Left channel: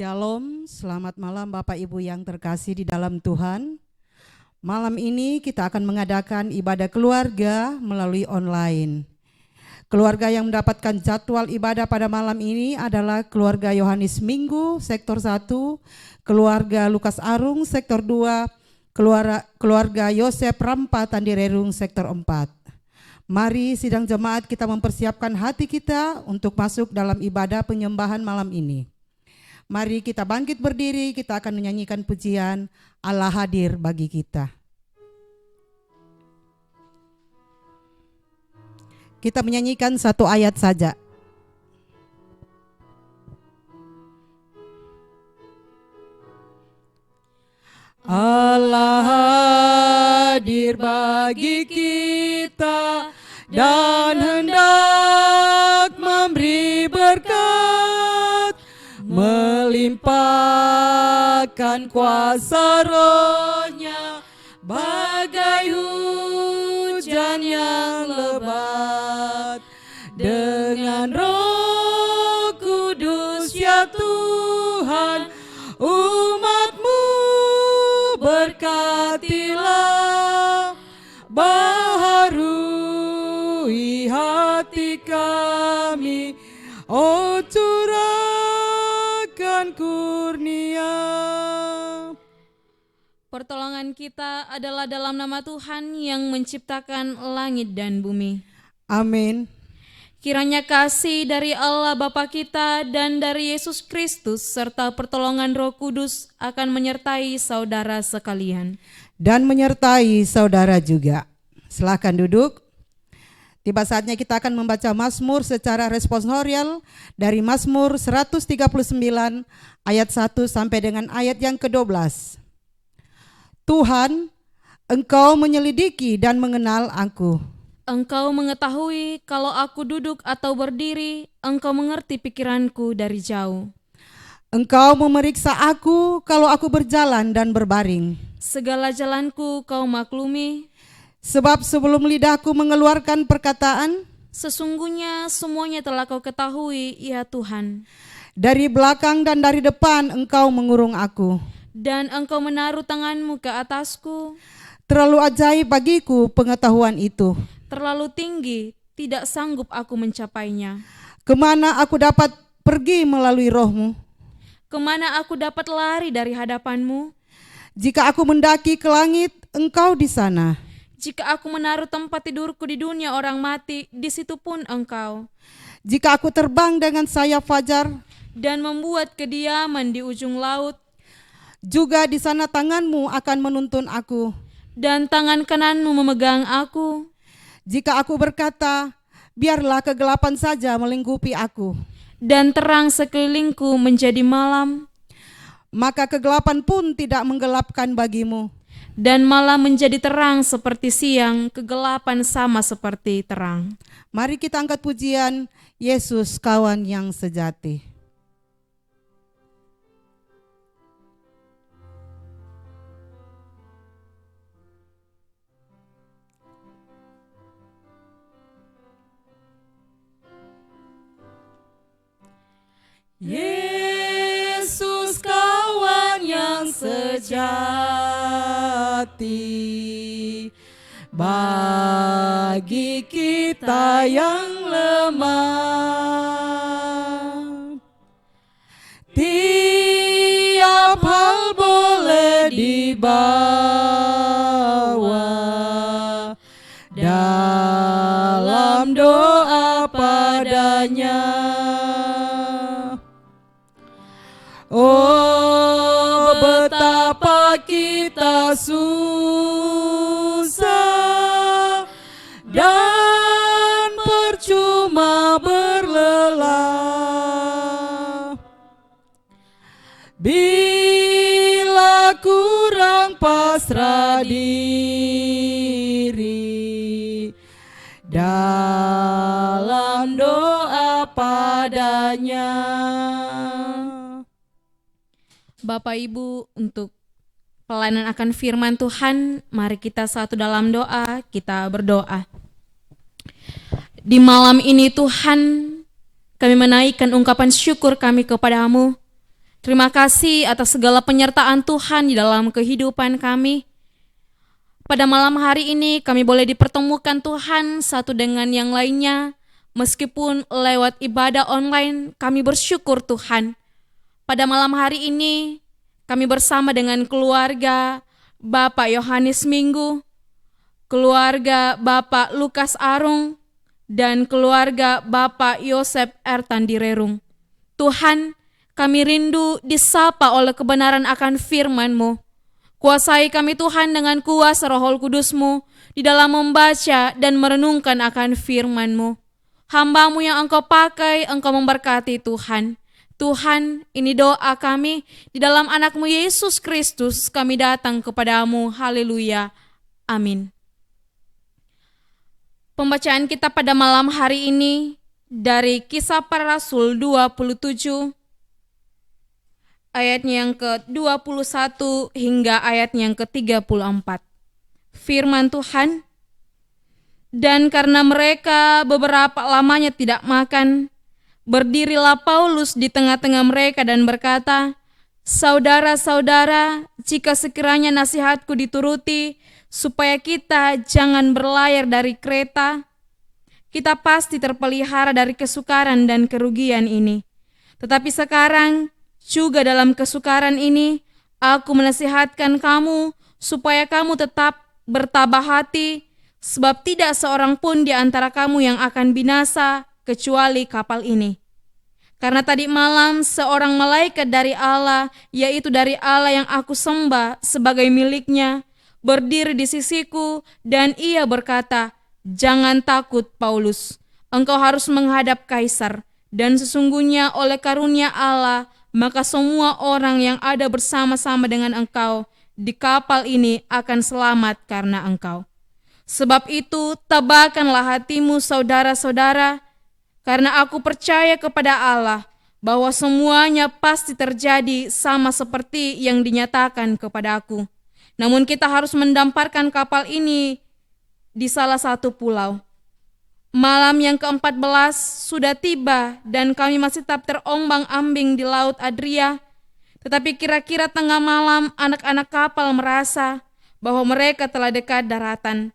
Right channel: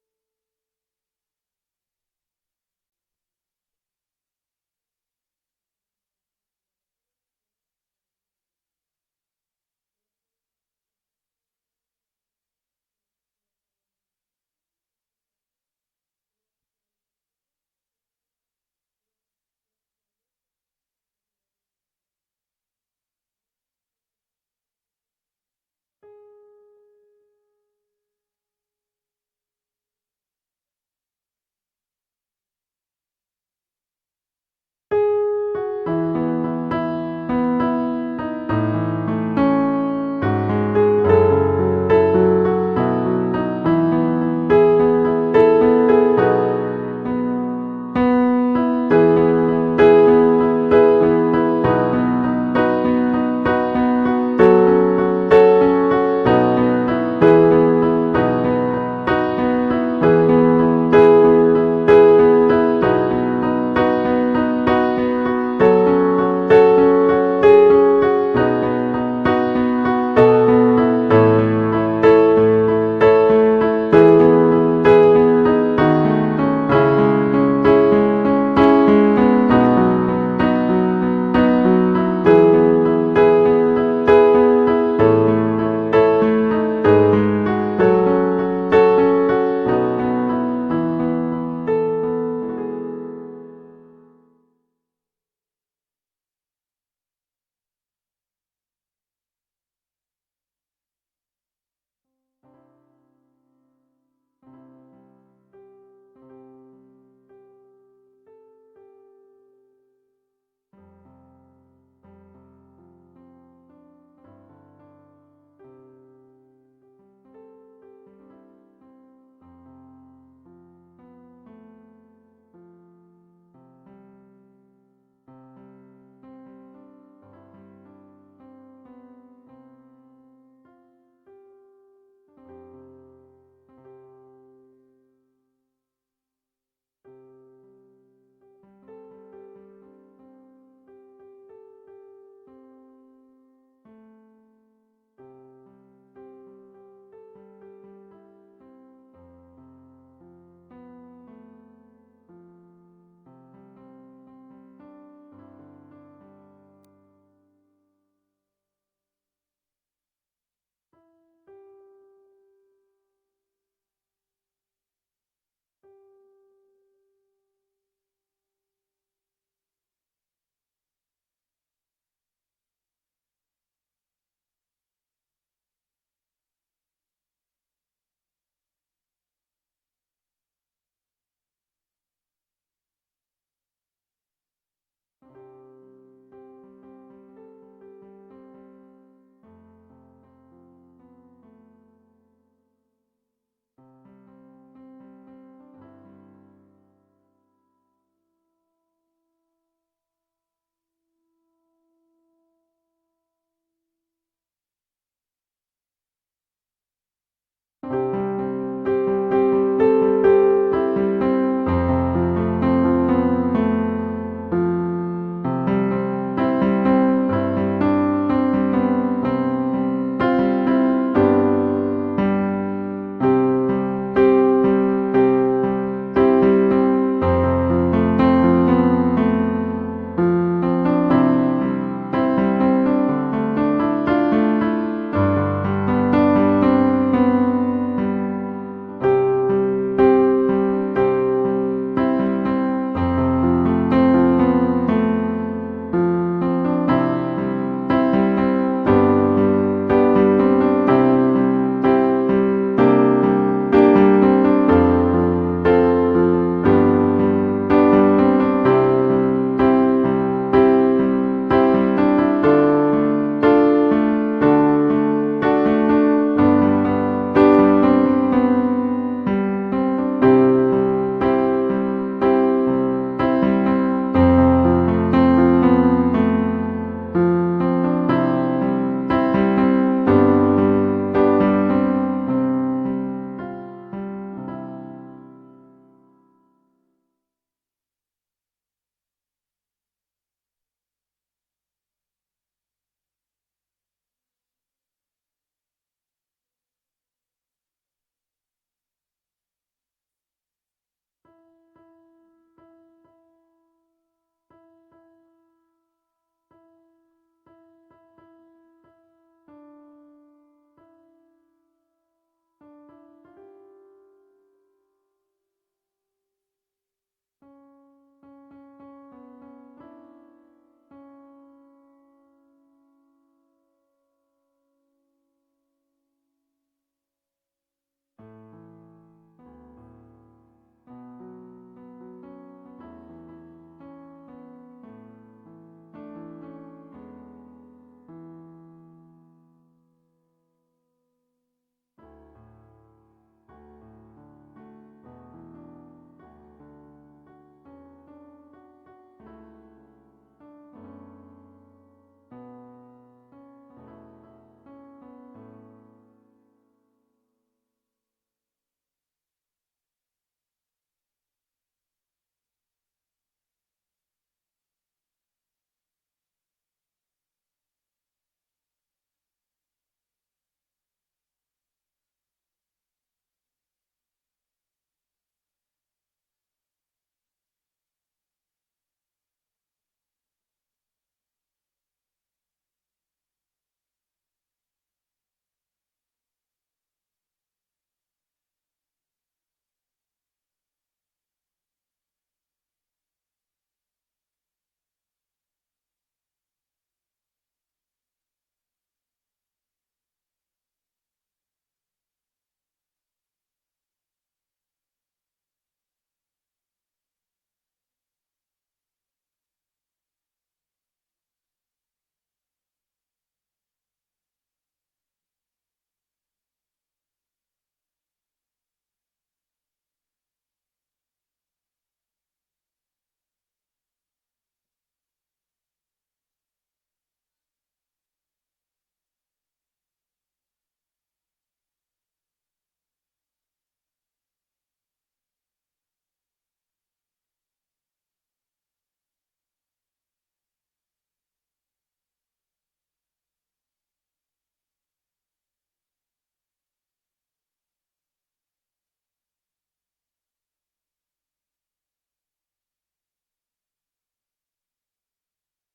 Shalom, selamat malam Bapak Ibu yang terkasih di dalam Tuhan. Malam ini kita akan mengadakan ibadah keluarga melalui online. Keluarga yang mendapatkan jadwal ibadah pada malam ini adalah keluarga Yohanes Minggu, sektor 1, keluarga Lukas Arung, sektor 2, keluarga Yosef Rampa Tandirerung, sektor 4. Mari sidang jemaat kita mempersiapkan hati kita untuk masuk dalam ibadah penyembahan malam ini. Mari kita bangkit berdiri, kita akan menyanyikan pujian Allah hadir bagi kita. Kita menyanyikan satu ayat saja. Menciptakan langit dan bumi. Amin. Kiranya kasih dari Allah Bapa kita dan dari Yesus Kristus serta pertolongan Roh Kudus akan menyertai saudara sekalian. Dan menyertai saudara juga. Silakan duduk. Tiba saatnya kita akan membaca Mazmur secara responsorial dari Mazmur 139 ayat 1 sampai dengan ayat yang ke-12. Tuhan, Engkau menyelidiki dan mengenal aku. Engkau mengetahui kalau aku duduk atau berdiri, Engkau mengerti pikiranku dari jauh. Engkau memeriksa aku kalau aku berjalan dan berbaring. Segala jalanku Kau maklumi. Sebab sebelum lidahku mengeluarkan perkataan, sesungguhnya semuanya telah Kau ketahui, ya Tuhan. Dari belakang dan dari depan Engkau mengurung aku. Dan Engkau menaruh tangan-Mu ke atasku. Terlalu ajaib bagiku pengetahuan itu. Terlalu tinggi, tidak sanggup aku mencapainya. Kemana aku dapat pergi melalui Roh-Mu? Kemana aku dapat lari dari hadapan-Mu? Jika aku mendaki ke langit, Engkau di sana. Jika aku menaruh tempat tidurku di dunia orang mati, di situ pun Engkau. Jika aku terbang dengan sayap fajar dan membuat kediaman di ujung laut, juga di sana tangan-Mu akan menuntun aku. Dan tangan kanan-Mu memegang aku. Jika aku berkata, biarlah kegelapan saja melingkupi aku, dan terang sekelilingku menjadi malam, maka kegelapan pun tidak menggelapkan bagimu. Dan malam menjadi terang seperti siang, kegelapan sama seperti terang. Mari kita angkat pujian Yesus kawan yang sejati. Bapak Ibu, untuk pelayanan akan firman Tuhan, mari kita satu dalam doa, kita berdoa. Di malam ini Tuhan, kami menaikkan ungkapan syukur kami kepadamu, Terima kasih atas segala penyertaan Tuhan di dalam kehidupan kami. Pada malam hari ini kami boleh dipertemukan Tuhan satu dengan yang lainnya. Meskipun lewat ibadah online, kami bersyukur Tuhan. Pada malam hari ini kami bersama dengan keluarga Bapak Yohanes Minggu, keluarga Bapak Lukas Arung, dan keluarga Bapak Yosef Ertandirerung. Tuhan, kami rindu disapa oleh kebenaran akan firman-Mu. Kuasai kami Tuhan dengan kuasa Roh Kudus-Mu di dalam membaca dan merenungkan akan firman-Mu. Hamba-Mu yang Engkau pakai, Engkau memberkati Tuhan. Tuhan, ini doa kami di dalam anak-Mu Yesus Kristus, kami datang kepadamu. Haleluya. Amin. Pembacaan kita pada malam hari ini dari Kisah Para Rasul 27 ayatnya yang ke-21 hingga ayatnya yang ke-34. Firman Tuhan, dan karena mereka beberapa lamanya tidak makan, berdirilah Paulus di tengah-tengah mereka dan berkata, "Saudara-saudara, jika sekiranya nasihatku dituruti, supaya kita jangan berlayar dari Kreta, kita pasti terpelihara dari kesukaran dan kerugian ini. Tetapi sekarang, juga dalam kesukaran ini, aku menasihatkan kamu supaya kamu tetap bertabah hati, sebab tidak seorang pun di antara kamu yang akan binasa kecuali kapal ini. Karena tadi malam seorang malaikat dari Allah, yaitu dari Allah yang aku sembah sebagai miliknya, berdiri di sisiku dan ia berkata, 'Jangan takut Paulus, engkau harus menghadap Kaisar, dan sesungguhnya oleh karunia Allah, maka semua orang yang ada bersama-sama dengan engkau di kapal ini akan selamat karena engkau. Sebab itu tabahkanlah hatimu saudara-saudara, karena aku percaya kepada Allah bahwa semuanya pasti terjadi sama seperti yang dinyatakan kepada aku. Namun kita harus mendamparkan kapal ini di salah satu pulau. Malam yang ke-14 sudah tiba dan kami masih tetap terombang-ambing di Laut Adria. Tetapi kira-kira tengah malam anak-anak kapal merasa bahwa mereka telah dekat daratan.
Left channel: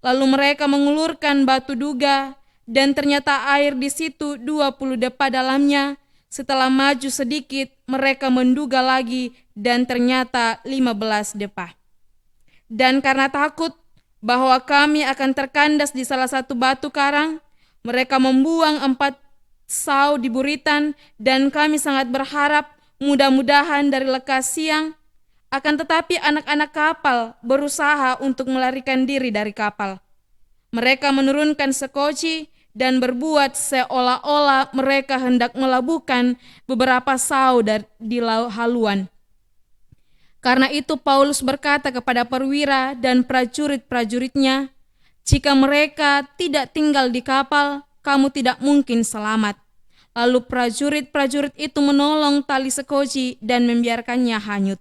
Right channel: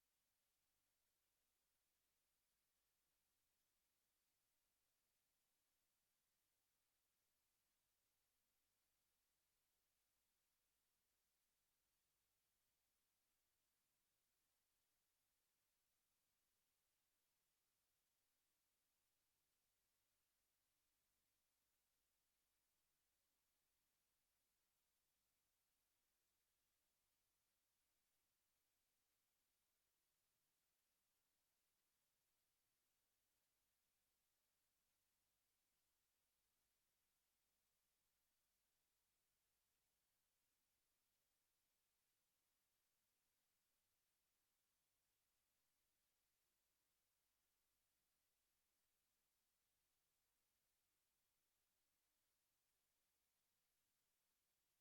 Lalu mereka mengulurkan batu duga dan ternyata air di situ 20 depa dalamnya. Setelah maju sedikit mereka menduga lagi dan ternyata 15 depa. Dan karena takut bahwa kami akan terkandas di salah satu batu karang, mereka membuang 4 sau di buritan dan kami sangat berharap mudah-mudahan dari lekas siang. Akan tetapi anak-anak kapal berusaha untuk melarikan diri dari kapal. Mereka menurunkan sekoci dan berbuat seolah-olah mereka hendak melabuhkan beberapa sau di haluan. Karena itu Paulus berkata kepada perwira dan prajurit-prajuritnya, "Jika mereka tidak tinggal di kapal, kamu tidak mungkin selamat." Lalu prajurit-prajurit itu menolong tali sekoci dan membiarkannya hanyut.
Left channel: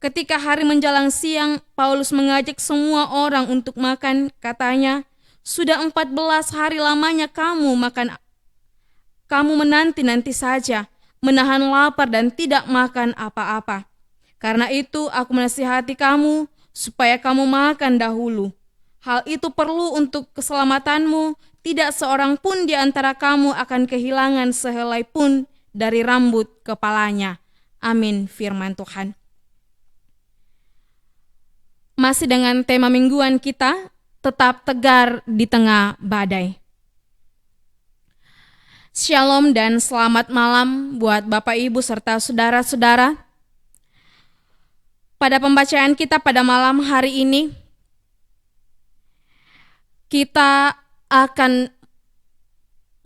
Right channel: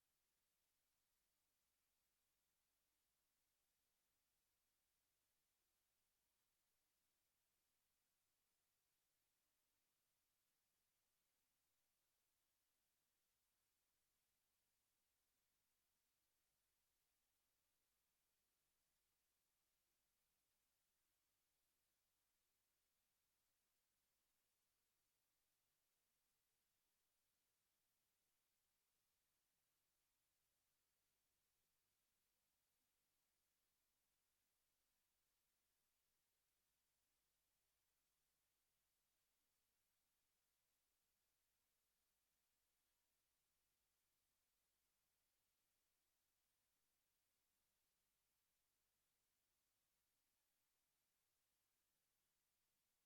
Ketika hari menjelang siang, Paulus mengajak semua orang untuk makan. Katanya, "Sudah 14 hari lamanya kamu makan. Kamu menanti-nanti saja, menahan lapar dan tidak makan apa-apa. Karena itu aku menasihati kamu supaya kamu makan dahulu. Hal itu perlu untuk keselamatanmu. Tidak seorang pun di antara kamu akan kehilangan sehelai pun dari rambut kepalanya." Amin, firman Tuhan. Masih dengan tema mingguan kita, tetap tegar di tengah badai. Shalom dan selamat malam buat Bapak Ibu serta saudara-saudara. Pada pembacaan kita pada malam hari ini, kita akan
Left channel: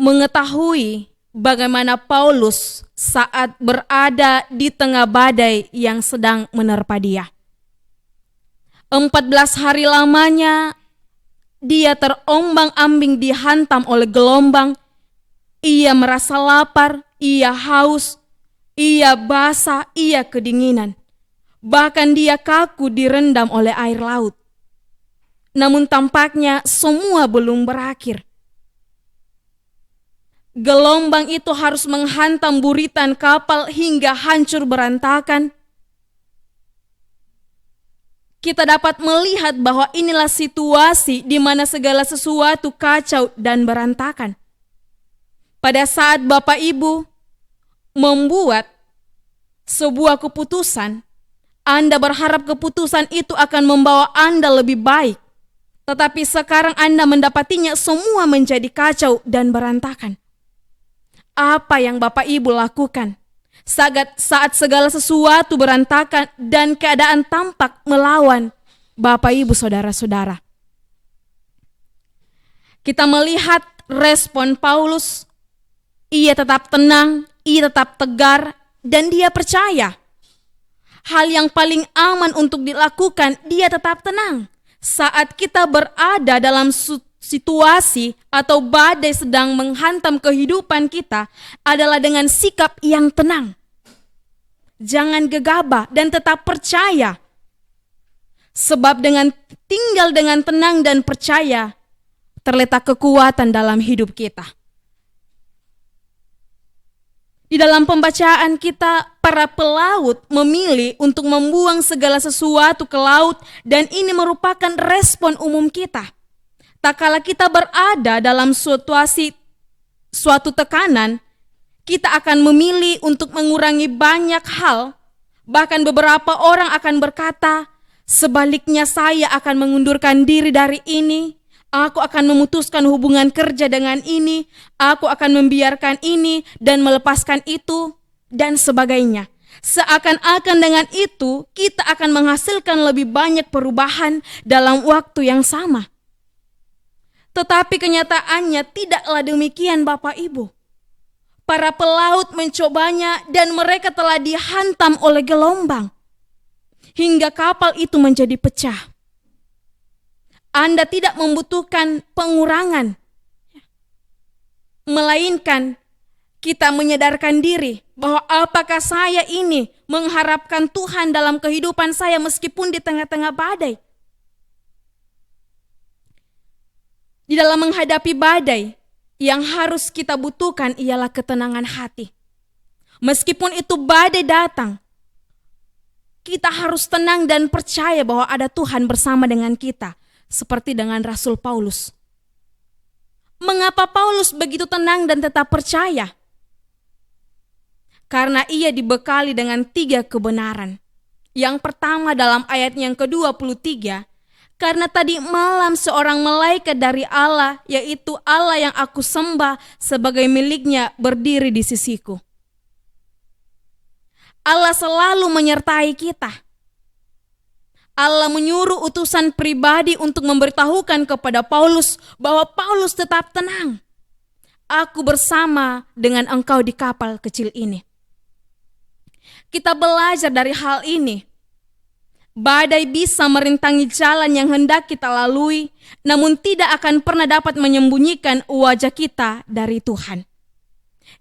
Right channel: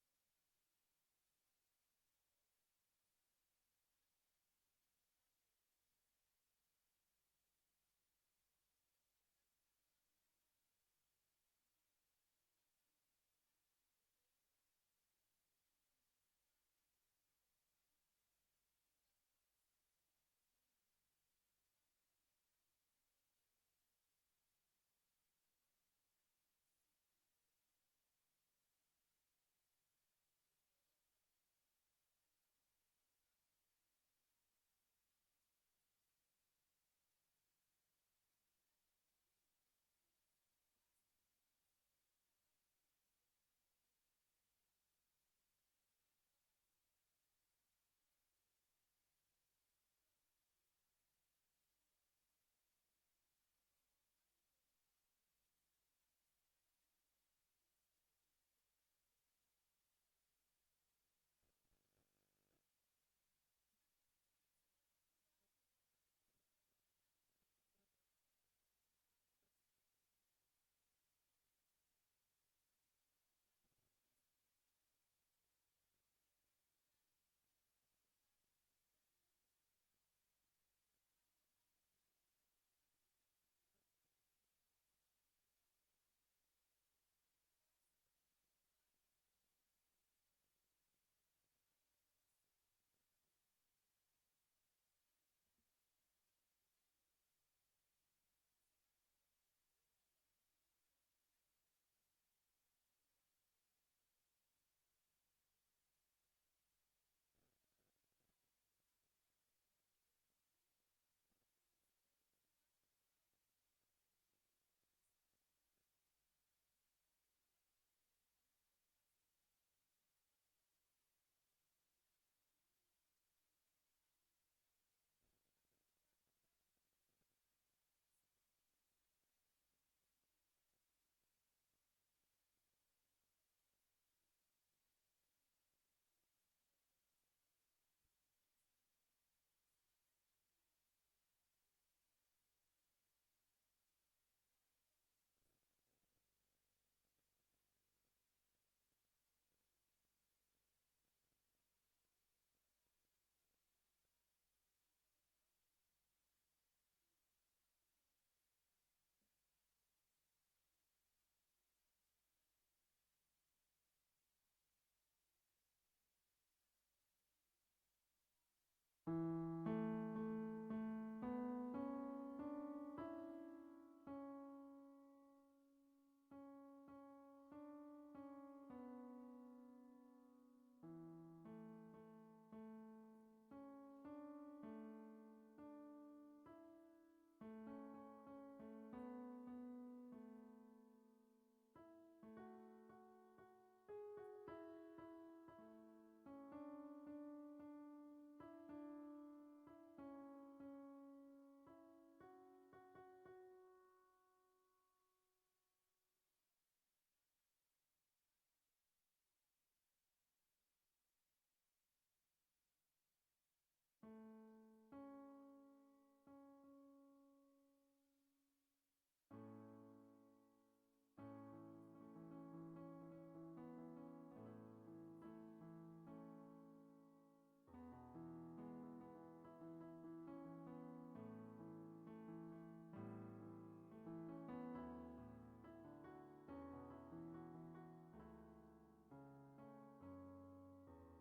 mengetahui bagaimana Paulus saat berada di tengah badai yang sedang menerpa dia. 14 hari lamanya dia terombang-ambing dihantam oleh gelombang. Ia merasa lapar, ia haus, ia basah, ia kedinginan. Bahkan dia kaku direndam oleh air laut. Namun tampaknya semua belum berakhir. gelombang itu harus menghantam buritan kapal hingga hancur berantakan, kita dapat melihat bahwa inilah situasi di mana segala sesuatu kacau dan berantakan. Pada saat Bapak Ibu membuat sebuah keputusan, Anda berharap keputusan itu akan membawa Anda lebih baik. Tetapi sekarang Anda mendapatinya semua menjadi kacau dan berantakan. Apa yang Bapak Ibu lakukan saat segala sesuatu berantakan dan keadaan tampak melawan Bapak Ibu saudara-saudara? Kita melihat respon Paulus. Ia tetap tenang, ia tetap tegar, dan dia percaya. Hal yang paling aman untuk dilakukan, dia tetap tenang. Saat kita berada dalam situasi atau badai sedang menghantam kehidupan kita adalah dengan sikap yang tenang. Jangan gegabah dan tetap percaya. Sebab dengan tinggal dengan tenang dan percaya terletak kekuatan dalam hidup kita. Di dalam pembacaan kita, para pelaut memilih untuk membuang segala sesuatu ke laut dan ini merupakan respon umum kita. Tak kala kita berada dalam suatu tekanan, kita akan memilih untuk mengurangi banyak hal. Bahkan beberapa orang akan berkata, sebaliknya saya akan mengundurkan diri dari ini. Aku akan memutuskan hubungan kerja dengan ini, aku akan membiarkan ini dan melepaskan itu, dan sebagainya. Seakan-akan dengan itu, kita akan menghasilkan lebih banyak perubahan dalam waktu yang sama. Tetapi kenyataannya tidaklah demikian Bapak Ibu. Para pelaut mencobanya dan mereka telah dihantam oleh gelombang, hingga kapal itu menjadi pecah. Anda tidak membutuhkan pengurangan, melainkan kita menyadarkan diri bahwa apakah saya ini mengharapkan Tuhan dalam kehidupan saya meskipun di tengah-tengah badai. Di dalam menghadapi badai, yang harus kita butuhkan ialah ketenangan hati. Meskipun itu badai datang, kita harus tenang dan percaya bahwa ada Tuhan bersama dengan kita. Seperti dengan Rasul Paulus. Mengapa Paulus begitu tenang dan tetap percaya? Karena ia dibekali dengan 3 kebenaran. Yang pertama dalam ayat yang ke-23, karena tadi malam seorang malaikat dari Allah, yaitu Allah yang aku sembah sebagai miliknya, berdiri di sisiku. Allah selalu menyertai kita. Allah menyuruh utusan pribadi untuk memberitahukan kepada Paulus bahwa Paulus tetap tenang. Aku bersama dengan engkau di kapal kecil ini. Kita belajar dari hal ini. Badai bisa merintangi jalan yang hendak kita lalui, namun tidak akan pernah dapat menyembunyikan wajah kita dari Tuhan.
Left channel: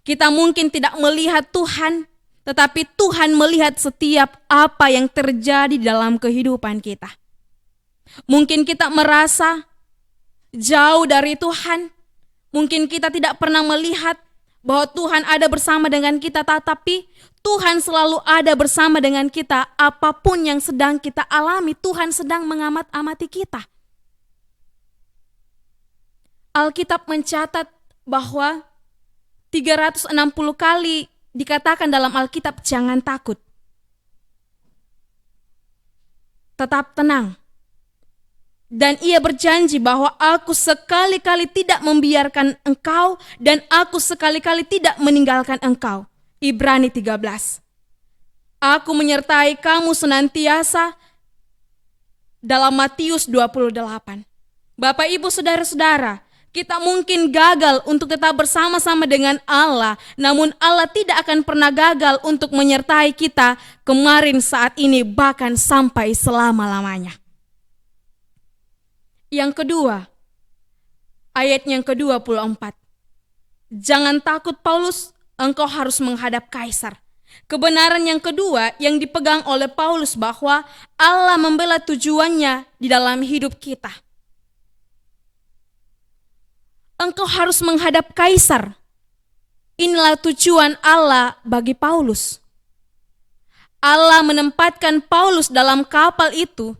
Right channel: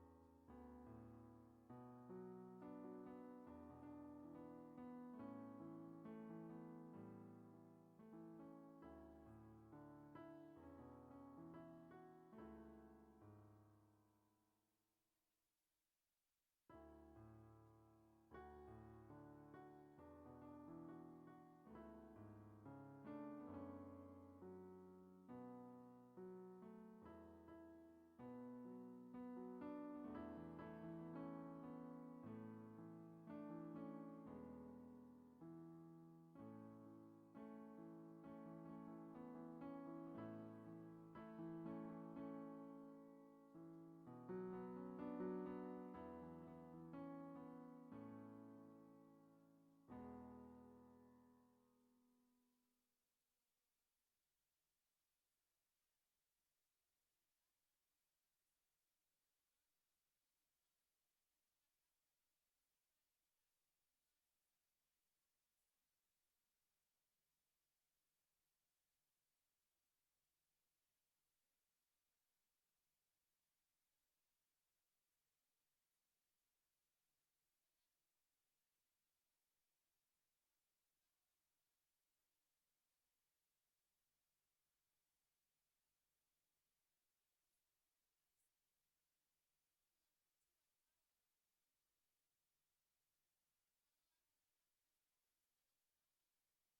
Kita mungkin tidak melihat Tuhan, tetapi Tuhan melihat setiap apa yang terjadi dalam kehidupan kita. Mungkin kita merasa jauh dari Tuhan. Mungkin kita tidak pernah melihat bahwa Tuhan ada bersama dengan kita. Tetapi Tuhan selalu ada bersama dengan kita. Apapun yang sedang kita alami, Tuhan sedang mengamat-amati kita. Alkitab mencatat bahwa 360 kali dikatakan dalam Alkitab, jangan takut. Tetap tenang. Dan ia berjanji bahwa aku sekali-kali tidak membiarkan engkau dan aku sekali-kali tidak meninggalkan engkau. Ibrani 13. Aku menyertai kamu senantiasa dalam Matius 28. Bapak Ibu saudara-saudara, kita mungkin gagal untuk tetap bersama-sama dengan Allah, namun Allah tidak akan pernah gagal untuk menyertai kita kemarin, saat ini, bahkan sampai selama-lamanya. Yang kedua, ayat yang ke-24. Jangan takut Paulus, engkau harus menghadap Kaisar. Kebenaran yang kedua yang dipegang oleh Paulus bahwa Allah membela tujuannya di dalam hidup kita. Engkau harus menghadap Kaisar. Inilah tujuan Allah bagi Paulus. Allah menempatkan Paulus dalam kapal itu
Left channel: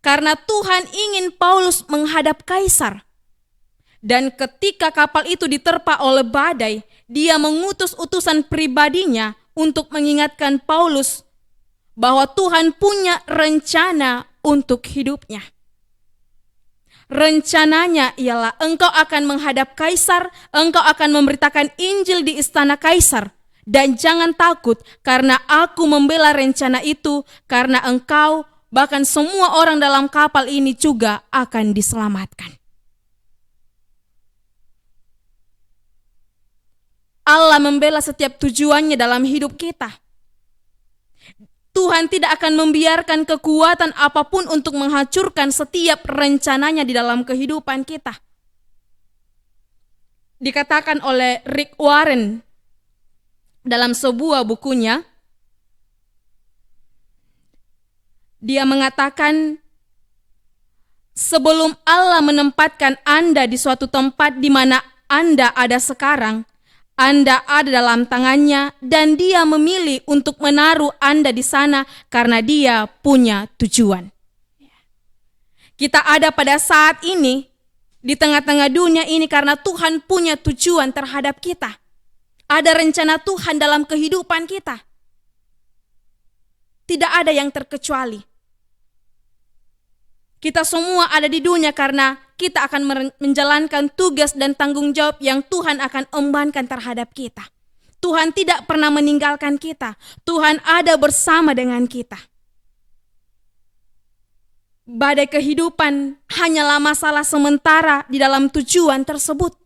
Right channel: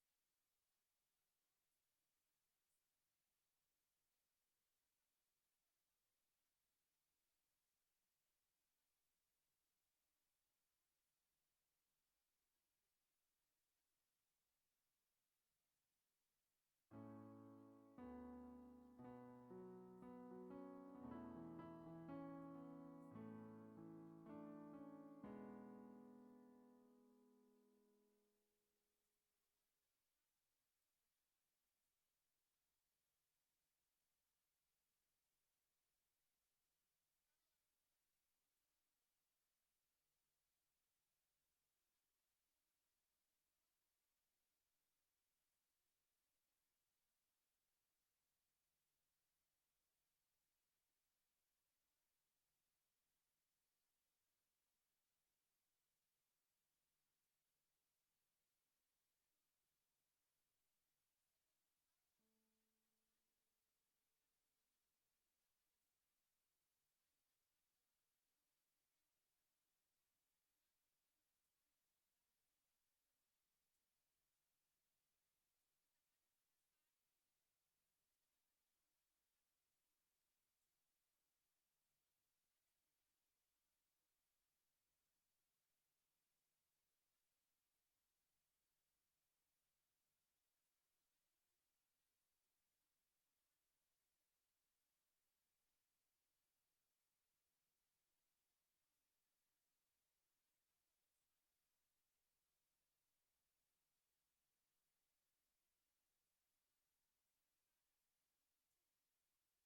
karena Tuhan ingin Paulus menghadap kaisar. Dan ketika kapal itu diterpa oleh badai, dia mengutus utusan pribadinya untuk mengingatkan Paulus bahwa Tuhan punya rencana untuk hidupnya. Rencananya ialah engkau akan menghadap kaisar, engkau akan memberitakan Injil di istana kaisar. Dan jangan takut karena aku membela rencana itu, karena engkau bahkan semua orang dalam kapal ini juga akan diselamatkan. Allah membela setiap tujuannya dalam hidup kita. Tuhan tidak akan membiarkan kekuatan apapun untuk menghancurkan setiap rencananya di dalam kehidupan kita. Dikatakan oleh Rick Warren dalam sebuah bukunya, dia mengatakan, sebelum Allah menempatkan Anda di suatu tempat di mana Anda ada sekarang, Anda ada dalam tangannya dan dia memilih untuk menaruh Anda di sana karena dia punya tujuan. Kita ada pada saat ini di tengah-tengah dunia ini karena Tuhan punya tujuan terhadap kita. Ada rencana Tuhan dalam kehidupan kita. Tidak ada yang terkecuali. Kita semua ada di dunia karena kita akan menjalankan tugas dan tanggung jawab yang Tuhan akan embankan terhadap kita. Tuhan tidak pernah meninggalkan kita. Tuhan ada bersama dengan kita. Badai kehidupan hanyalah masalah sementara di dalam tujuan tersebut.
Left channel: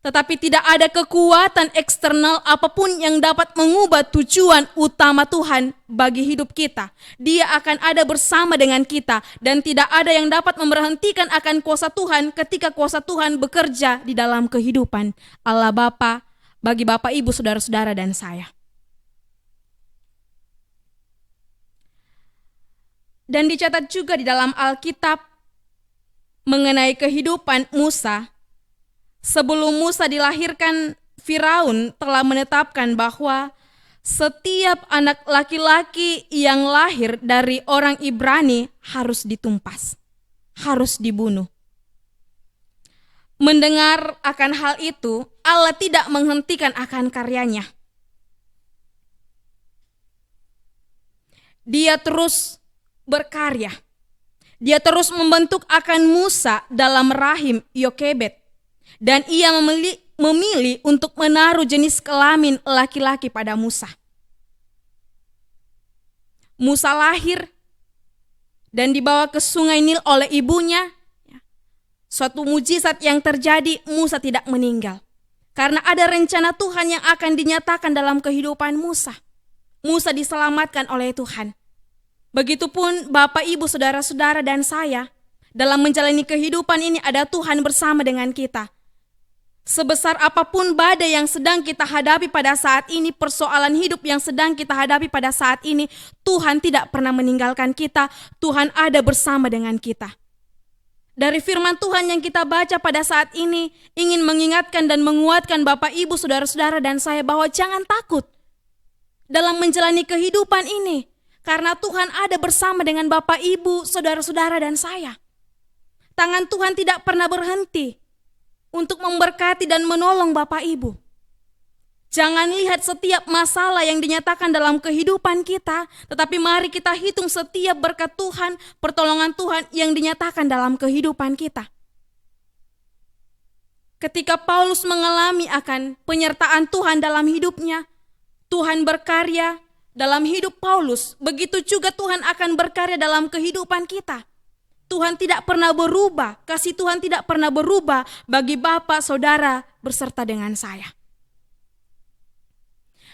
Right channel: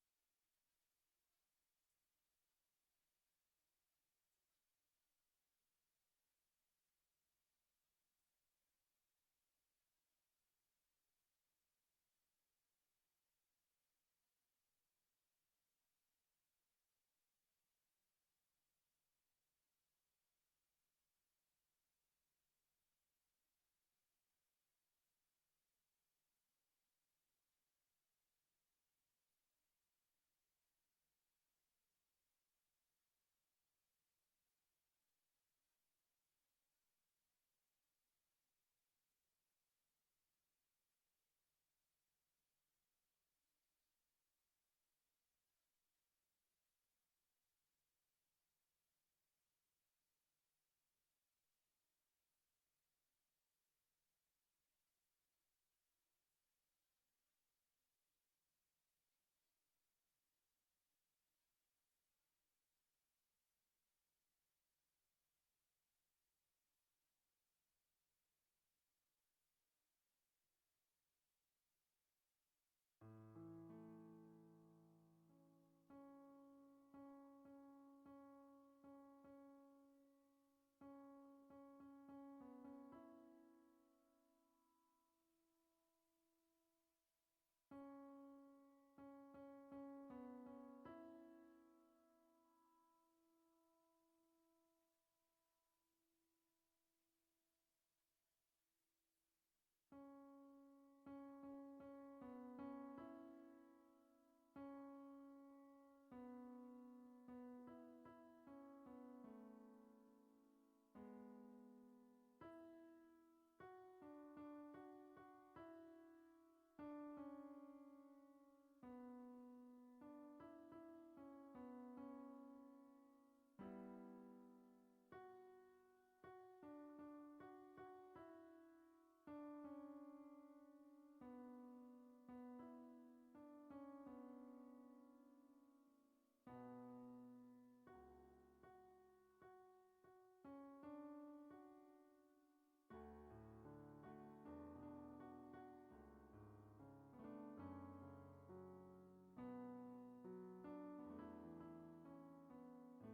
Tetapi tidak ada kekuatan eksternal apapun yang dapat mengubah tujuan utama Tuhan bagi hidup kita. Dia akan ada bersama dengan kita dan tidak ada yang dapat memberhentikan akan kuasa Tuhan ketika kuasa Tuhan bekerja di dalam kehidupan Allah Bapa bagi Bapak, Ibu, saudara-saudara dan saya. Dan dicatat juga di dalam Alkitab mengenai kehidupan Musa. Sebelum Musa dilahirkan, Firaun telah menetapkan bahwa setiap anak laki-laki yang lahir dari orang Ibrani harus ditumpas, harus dibunuh. Mendengar akan hal itu, Allah tidak menghentikan akan karyanya. Dia terus berkarya. Dia terus membentuk akan Musa dalam rahim Yokebed. Dan ia memilih untuk menaruh jenis kelamin laki-laki pada Musa. Musa lahir dan dibawa ke sungai Nil oleh ibunya. Suatu mujizat yang terjadi, Musa tidak meninggal. Karena ada rencana Tuhan yang akan dinyatakan dalam kehidupan Musa. Musa diselamatkan oleh Tuhan. Begitupun Bapak, Ibu, saudara-saudara dan saya, dalam menjalani kehidupan ini ada Tuhan bersama dengan kita. Sebesar apapun badai yang sedang kita hadapi pada saat ini, persoalan hidup yang sedang kita hadapi pada saat ini, Tuhan tidak pernah meninggalkan kita. Tuhan ada bersama dengan kita. Dari firman Tuhan yang kita baca pada saat ini, ingin mengingatkan dan menguatkan Bapak, Ibu, saudara-saudara dan saya bahwa jangan takut dalam menjalani kehidupan ini. Karena Tuhan ada bersama dengan Bapak, Ibu, saudara-saudara dan saya. Tangan Tuhan tidak pernah berhenti untuk memberkati dan menolong Bapak Ibu. Jangan lihat setiap masalah yang dinyatakan dalam kehidupan kita, tetapi mari kita hitung setiap berkat Tuhan, pertolongan Tuhan yang dinyatakan dalam kehidupan kita. Ketika Paulus mengalami akan penyertaan Tuhan dalam hidupnya, Tuhan berkarya dalam hidup Paulus, begitu juga Tuhan akan berkarya dalam kehidupan kita. Tuhan tidak pernah berubah, kasih Tuhan tidak pernah berubah bagi Bapak, Saudara, beserta dengan saya.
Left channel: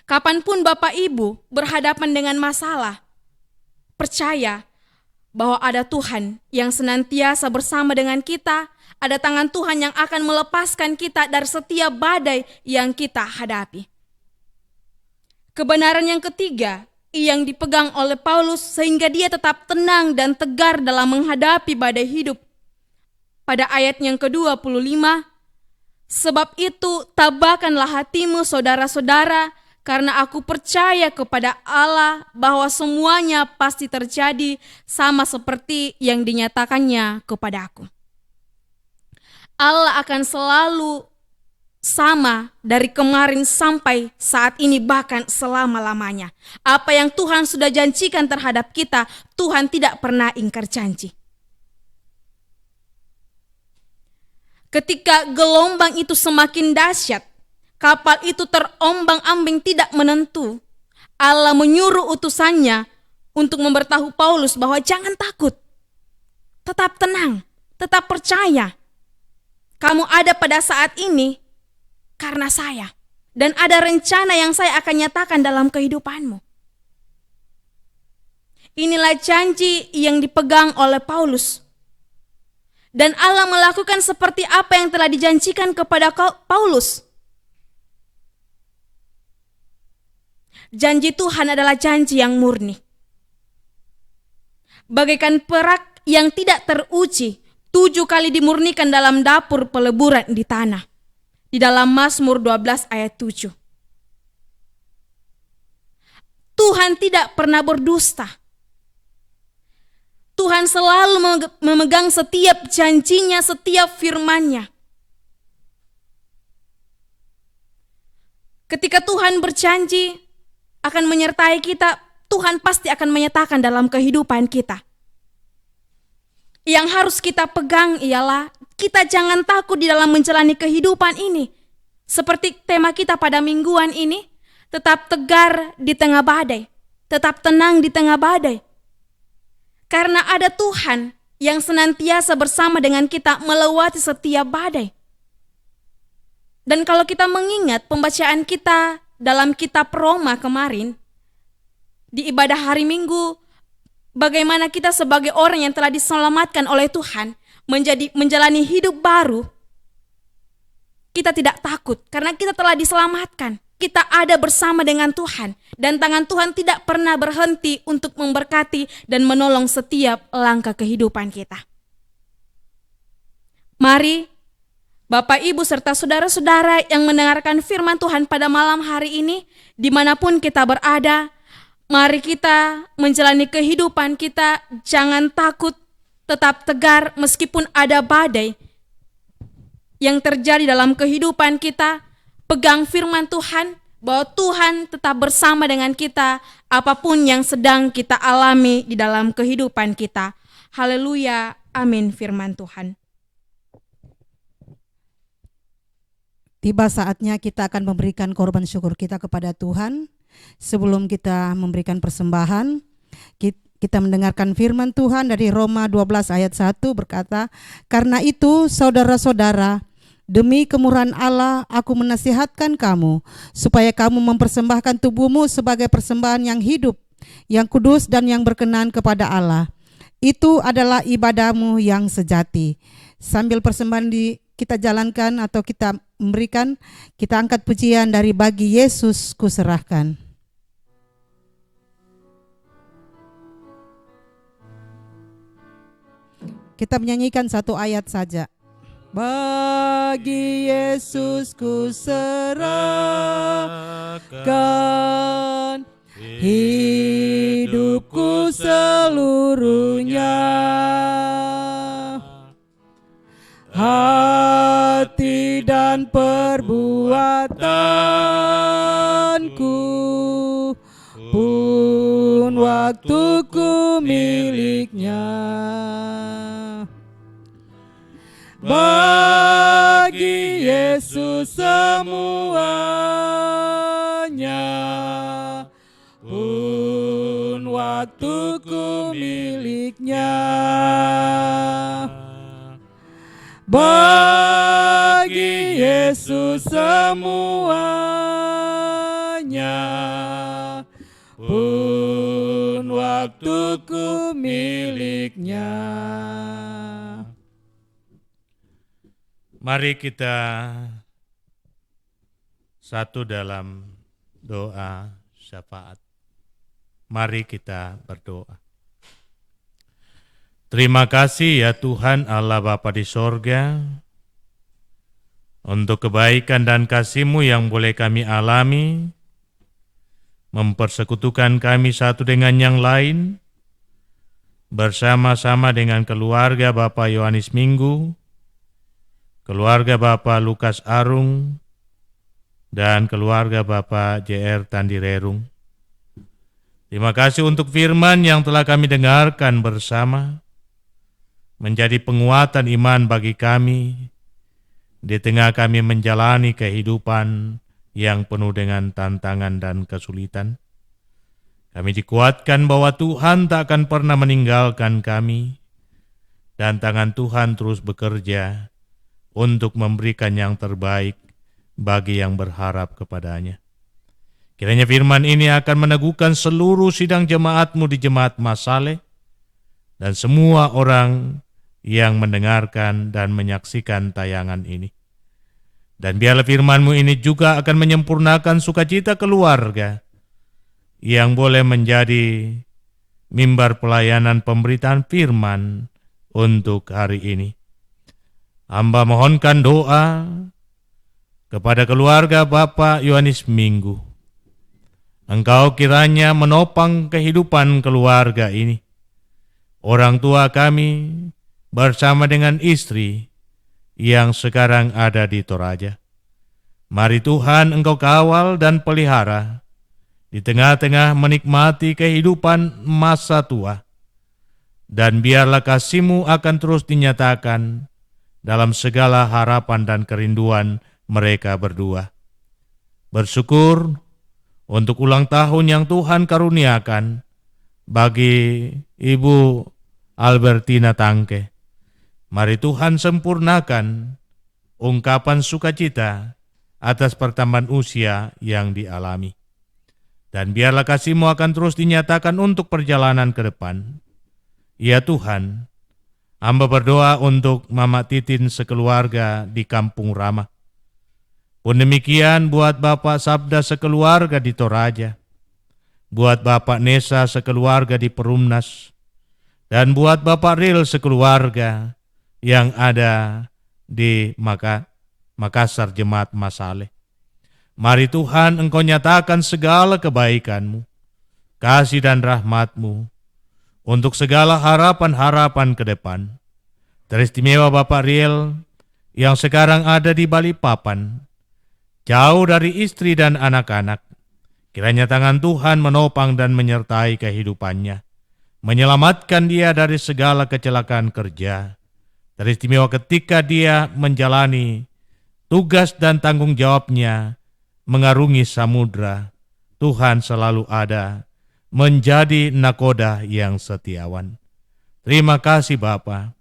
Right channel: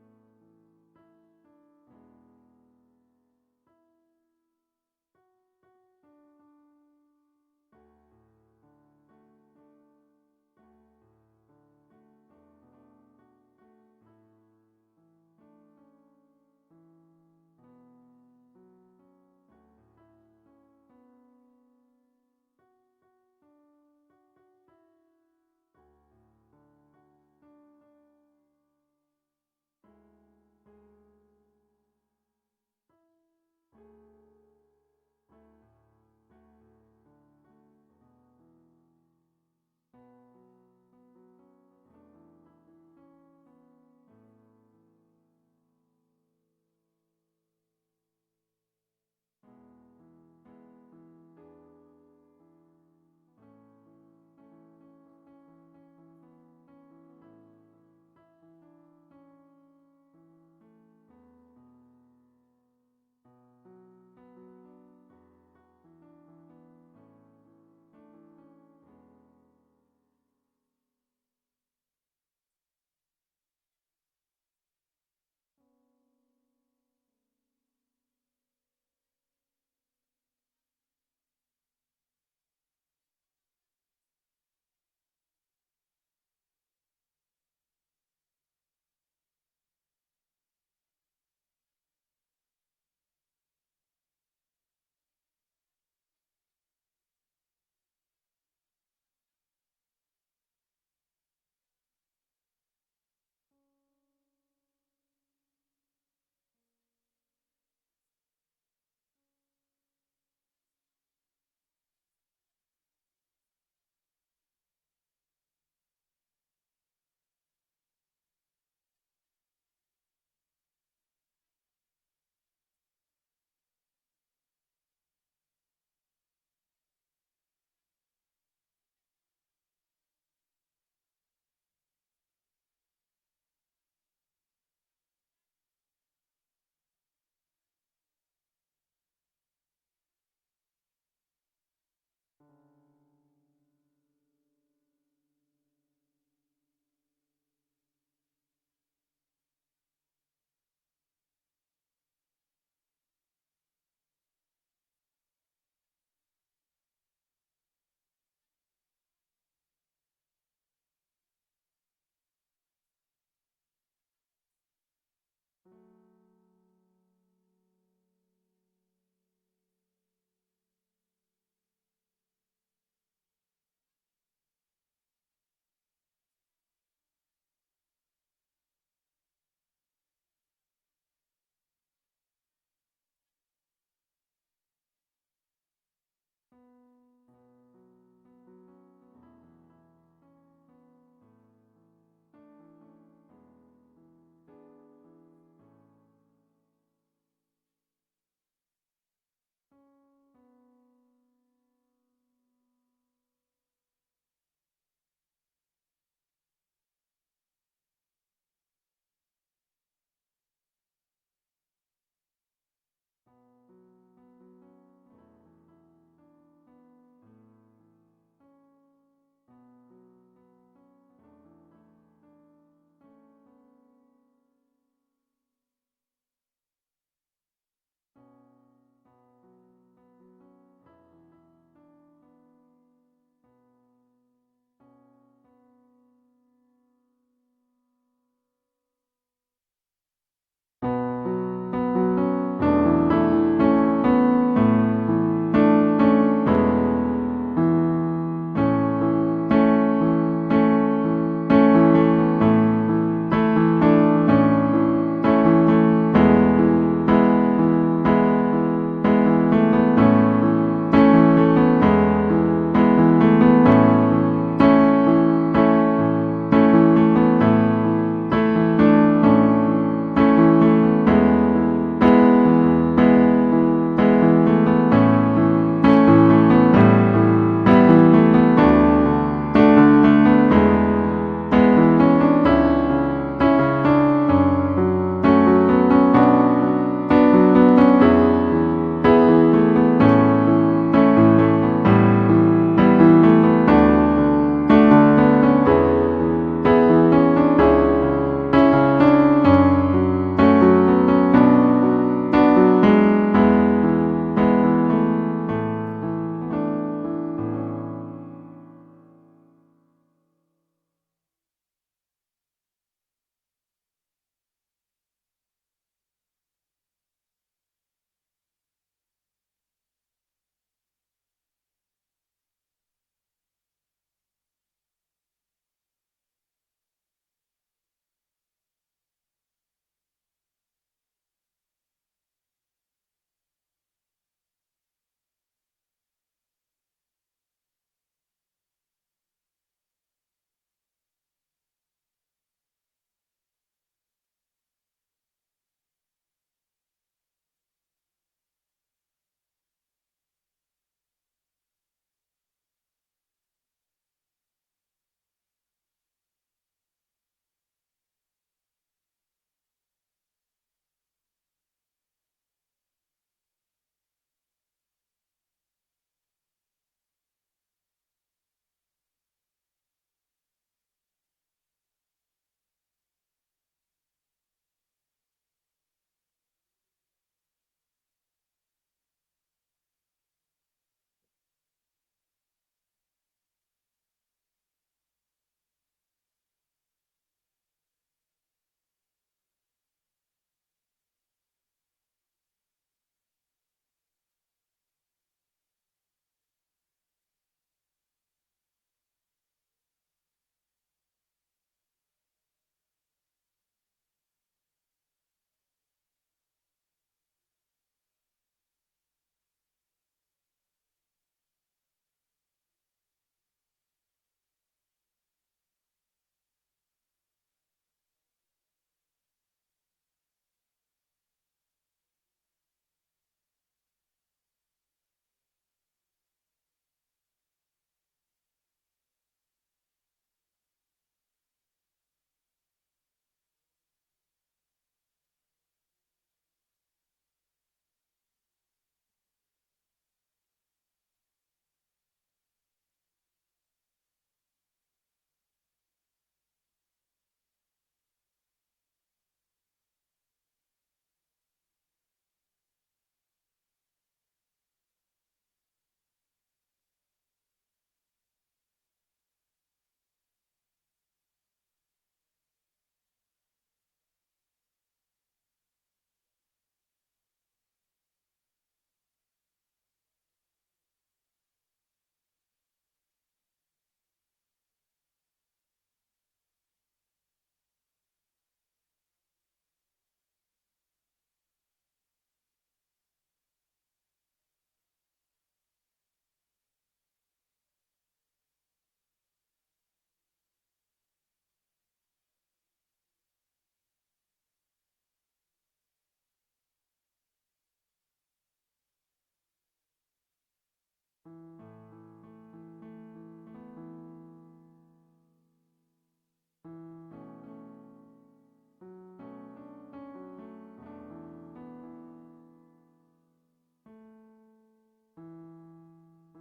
Kapanpun Bapak Ibu berhadapan dengan masalah, percaya bahwa ada Tuhan yang senantiasa bersama dengan kita, ada tangan Tuhan yang akan melepaskan kita dari setiap badai yang kita hadapi. Kebenaran yang ketiga yang dipegang oleh Paulus sehingga dia tetap tenang dan tegar dalam menghadapi badai hidup. Pada ayat yang ke-25, Sebab itu tabahkanlah hatimu saudara-saudara, karena aku percaya kepada Allah bahwa semuanya pasti terjadi sama seperti yang dinyatakannya kepadaku. Allah akan selalu sama dari kemarin sampai saat ini, bahkan selama-lamanya. Apa yang Tuhan sudah janjikan terhadap kita, Tuhan tidak pernah ingkar janji. Ketika gelombang itu semakin dahsyat, kapal itu terombang-ambing tidak menentu, Allah menyuruh utusannya untuk memberitahu Paulus bahwa jangan takut, tetap tenang, tetap percaya. Kamu ada pada saat ini karena saya, dan ada rencana yang saya akan nyatakan dalam kehidupanmu. Inilah janji yang dipegang oleh Paulus. Dan Allah melakukan seperti apa yang telah dijanjikan kepada Paulus. Janji Tuhan adalah janji yang murni. Bagaikan perak yang tidak teruji, 7 kali dimurnikan dalam dapur peleburan di tanah. Di dalam Mazmur 12 ayat 7. Tuhan tidak pernah berdusta. Tuhan selalu memegang setiap janjinya, setiap firman-Nya. Ketika Tuhan berjanji akan menyertai kita, Tuhan pasti akan menyatakan dalam kehidupan kita. Yang harus kita pegang ialah kita jangan takut di dalam menjalani kehidupan ini. Seperti tema kita pada mingguan ini, tetap tegar di tengah badai, tetap tenang di tengah badai. Karena ada Tuhan yang senantiasa bersama dengan kita melewati setiap badai. Dan kalau kita mengingat pembacaan kita dalam kitab Roma kemarin, di ibadah hari Minggu, bagaimana kita sebagai orang yang telah diselamatkan oleh Tuhan, menjalani hidup baru, kita tidak takut karena kita telah diselamatkan. Kita ada bersama dengan Tuhan, dan tangan Tuhan tidak pernah berhenti untuk memberkati dan menolong setiap langkah kehidupan kita. Mari Bapak, Ibu, serta saudara-saudara yang mendengarkan firman Tuhan pada malam hari ini, dimanapun kita berada, mari kita menjalani kehidupan kita, jangan takut, tetap tegar meskipun ada badai yang terjadi dalam kehidupan kita. Pegang firman Tuhan, bahwa Tuhan tetap bersama dengan kita apapun yang sedang kita alami di dalam kehidupan kita. Haleluya, amin firman Tuhan. Tiba saatnya kita akan memberikan korban syukur kita kepada Tuhan. Sebelum kita memberikan persembahan, kita mendengarkan firman Tuhan dari Roma 12 ayat 1 berkata, "Karena itu saudara-saudara, demi kemurahan Allah aku menasihatkan kamu, supaya kamu mempersembahkan tubuhmu sebagai persembahan yang hidup, yang kudus dan yang berkenan kepada Allah. Itu adalah ibadahmu yang sejati." Sambil persembahan kita jalankan atau kita memberikan, kita angkat pujian dari "Bagi Yesus Kuserahkan". Kita menyanyikan satu ayat saja. Bagi Yesus kuserahkan hidupku seluruhnya, hati dan perbuatanku, pun waktuku miliknya. Mari kita satu dalam doa syafaat. Mari kita berdoa. Terima kasih ya Tuhan Allah Bapa di sorga, Untuk kebaikan dan kasih-Mu yang boleh kami alami, mempersekutukan kami satu dengan yang lain, bersama-sama dengan keluarga Bapak Yohanes Minggu, keluarga Bapak Lukas Arung, dan keluarga Bapak JR Tandirerung. Terima kasih untuk firman yang telah kami dengarkan bersama, menjadi penguatan iman bagi kami, di tengah kami menjalani kehidupan yang penuh dengan tantangan dan kesulitan. Kami dikuatkan bahwa Tuhan tak akan pernah meninggalkan kami, dan tangan Tuhan terus bekerja untuk memberikan yang terbaik bagi yang berharap kepadanya. Kiranya firman ini akan meneguhkan seluruh sidang jemaat-Mu di Jemaat Masale, dan semua orang yang mendengarkan dan menyaksikan tayangan ini. Dan biarlah firman-Mu ini juga akan menyempurnakan sukacita keluarga yang boleh menjadi mimbar pelayanan pemberitaan firman untuk hari ini. Hamba mohonkan doa kepada keluarga Bapak Yohanes Minggu. Engkau kiranya menopang kehidupan keluarga ini. Orang tua kami bersama dengan istri yang sekarang ada di Toraja. Mari Tuhan Engkau kawal dan pelihara di tengah-tengah menikmati kehidupan masa tua. Dan biarlah kasih-Mu akan terus dinyatakan dalam segala harapan dan kerinduan mereka berdua. Bersyukur untuk ulang tahun yang Tuhan karuniakan bagi Ibu Albertina Tangke. Mari Tuhan sempurnakan ungkapan sukacita atas pertambahan usia yang dialami. Dan biarlah kasih-Mu akan terus dinyatakan untuk perjalanan ke depan. Ya Tuhan, hamba berdoa untuk Mama Titin sekeluarga di Kampung Rama. Pun demikian buat Bapak Sabda sekeluarga di Toraja, buat Bapak Nesa sekeluarga di Perumnas, dan buat Bapak Ril sekeluarga yang ada di Makassar Jemaat Masale. Mari Tuhan Engkau nyatakan segala kebaikan-Mu, kasih dan rahmat-Mu untuk segala harapan-harapan ke depan. Teristimewa Bapak Riel yang sekarang ada di Balikpapan, jauh dari istri dan anak-anak. Kiranya tangan Tuhan menopang dan menyertai kehidupannya, menyelamatkan dia dari segala kecelakaan kerja. Teristimewa ketika dia menjalani tugas dan tanggung jawabnya mengarungi samudra. Tuhan selalu ada, menjadi nakoda yang setiawan. Terima kasih Bapa,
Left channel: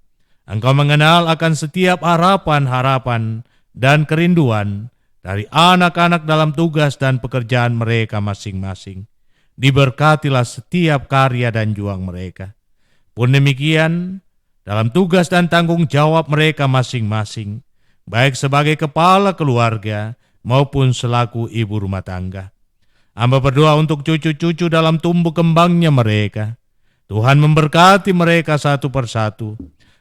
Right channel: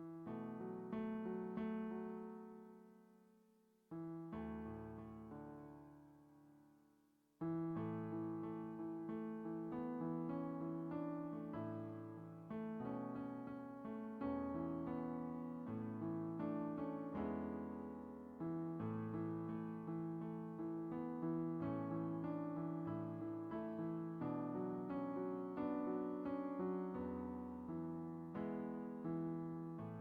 Engkau mengenal akan setiap harapan-harapan dan kerinduan dari anak-anak dalam tugas dan pekerjaan mereka masing-masing. Diberkatilah setiap karya dan juang mereka. Pun demikian, dalam tugas dan tanggung jawab mereka masing-masing, baik sebagai kepala keluarga maupun selaku ibu rumah tangga. Hamba berdoa untuk cucu-cucu dalam tumbuh kembangnya mereka. Tuhan memberkati mereka satu persatu,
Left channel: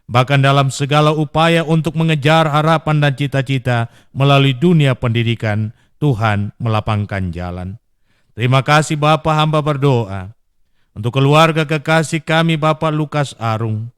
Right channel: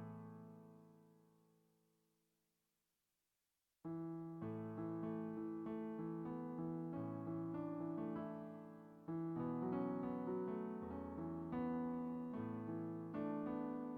bahkan dalam segala upaya untuk mengejar harapan dan cita-cita melalui dunia pendidikan, Tuhan melapangkan jalan. Terima kasih Bapa, hamba berdoa untuk keluarga kekasih kami Bapak Lukas Arung.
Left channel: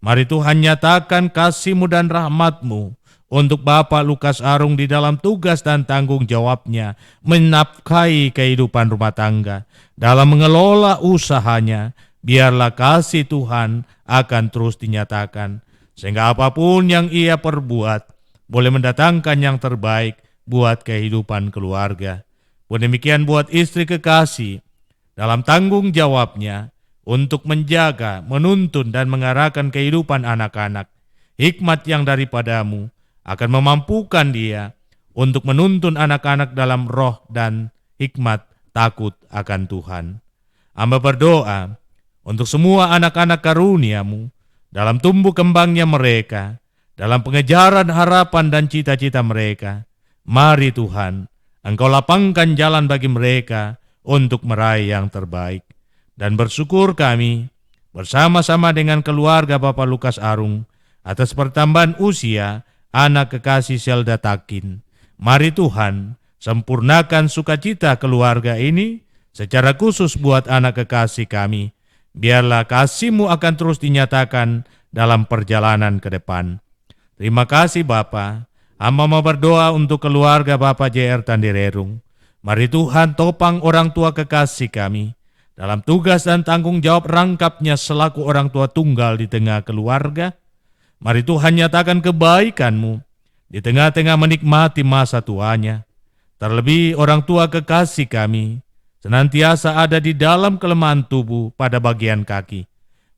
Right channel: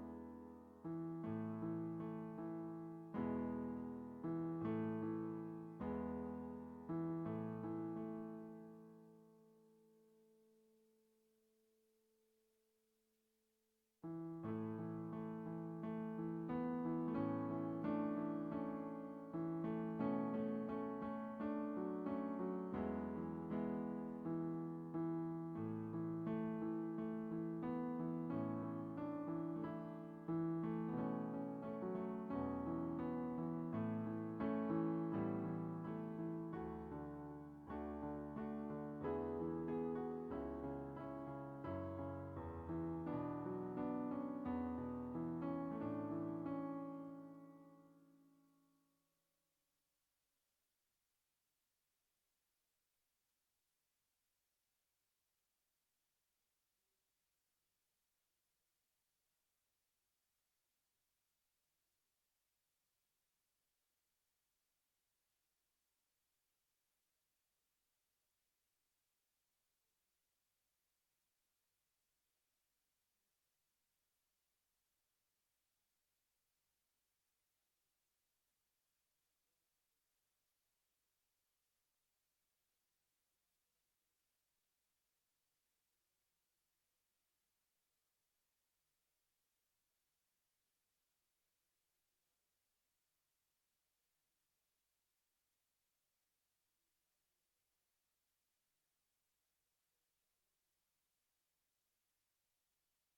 Mari Tuhan nyatakan kasih-Mu dan rahmat-Mu untuk Bapak Lukas Arung di dalam tugas dan tanggung jawabnya menafkahi kehidupan rumah tangga. Dalam mengelola usahanya, biarlah kasih Tuhan akan terus dinyatakan, sehingga apapun yang ia perbuat boleh mendatangkan yang terbaik buat kehidupan keluarga. Pun demikian buat istri kekasih dalam tanggung jawabnya untuk menjaga, menuntun dan mengarahkan kehidupan anak-anak. Hikmat yang daripada-Mu akan memampukan dia untuk menuntun anak-anak dalam roh dan hikmat takut akan Tuhan. Hamba berdoa untuk semua anak-anak karunia-Mu dalam tumbuh kembangnya mereka, dalam pengejaran harapan dan cita-cita mereka. Mari Tuhan, Engkau lapangkan jalan bagi mereka untuk meraih yang terbaik. Dan bersyukur kami bersama-sama dengan keluarga Bapak Lukas Arung atas pertambahan usia anak kekasih Zelda Takin. Mari Tuhan, sempurnakan sukacita keluarga ini, secara khusus buat anak kekasih kami. Biarlah kasih-Mu akan terus dinyatakan dalam perjalanan ke depan. Terima kasih Bapa. Hamba mau berdoa untuk keluarga Bapak JR Tandirerung. Mari Tuhan topang orang tua kekasih kami dalam tugas dan tanggung jawab rangkapnya selaku orang tua tunggal di tengah keluarga. Mari Tuhan nyatakan kebaikan-Mu di tengah-tengah menikmati masa tuanya. Terlebih orang tua kekasih kami senantiasa ada di dalam kelemahan tubuh pada bagian kaki.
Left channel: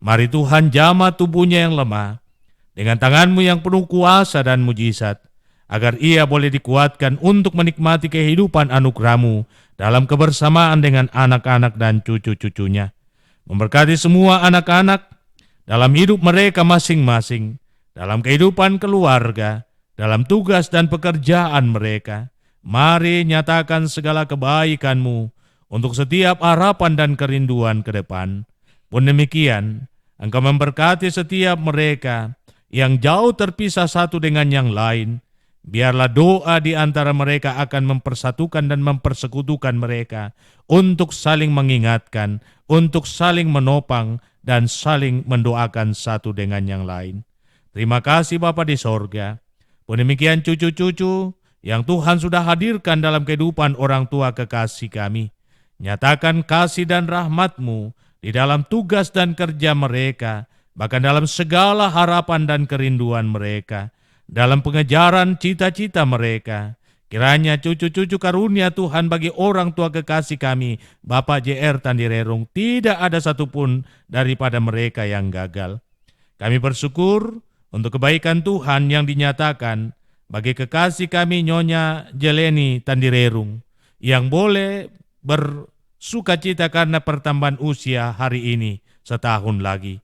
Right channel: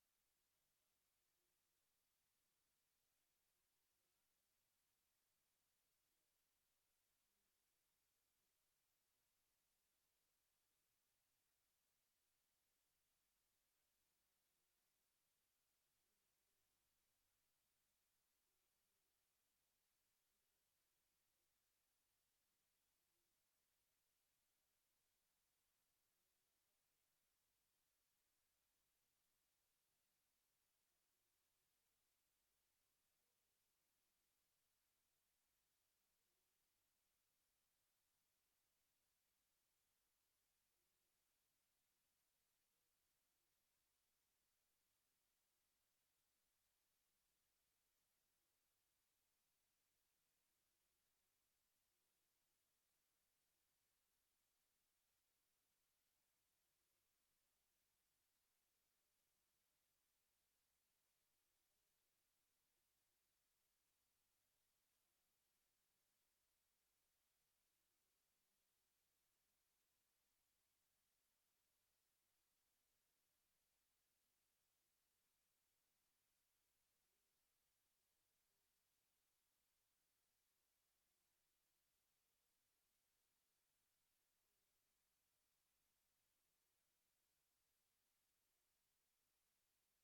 Mari Tuhan jamah tubuhnya yang lemah dengan tangan-Mu yang penuh kuasa dan mujizat, agar ia boleh dikuatkan untuk menikmati kehidupan anugerah-Mu dalam kebersamaan dengan anak-anak dan cucu-cucunya. Memberkati semua anak-anak dalam hidup mereka masing-masing, dalam kehidupan keluarga, dalam tugas dan pekerjaan mereka. Mari nyatakan segala kebaikan-Mu untuk setiap harapan dan kerinduan ke depan. Pun demikian, Engkau memberkati setiap mereka yang jauh terpisah satu dengan yang lain. Biarlah doa di antara mereka akan mempersatukan dan mempersekutukan mereka untuk saling mengingatkan, untuk saling menopang, dan saling mendoakan satu dengan yang lain. Terima kasih Bapa di sorga. Pun demikian cucu-cucu yang Tuhan sudah hadirkan dalam kehidupan orang tua kekasih kami. Nyatakan kasih dan rahmat-Mu di dalam tugas dan kerja mereka, bahkan dalam segala harapan dan kerinduan mereka, dalam pengejaran cita-cita mereka. Kiranya cucu-cucu karunia Tuhan bagi orang tua kekasih kami, Bapak JR Tandirerung, tidak ada satupun daripada mereka yang gagal. Kami bersyukur untuk kebaikan Tuhan yang dinyatakan bagi kekasih kami Nyonya Jeleni Tandirerung, yang boleh bersukacita karena pertambahan usia hari ini setahun lagi.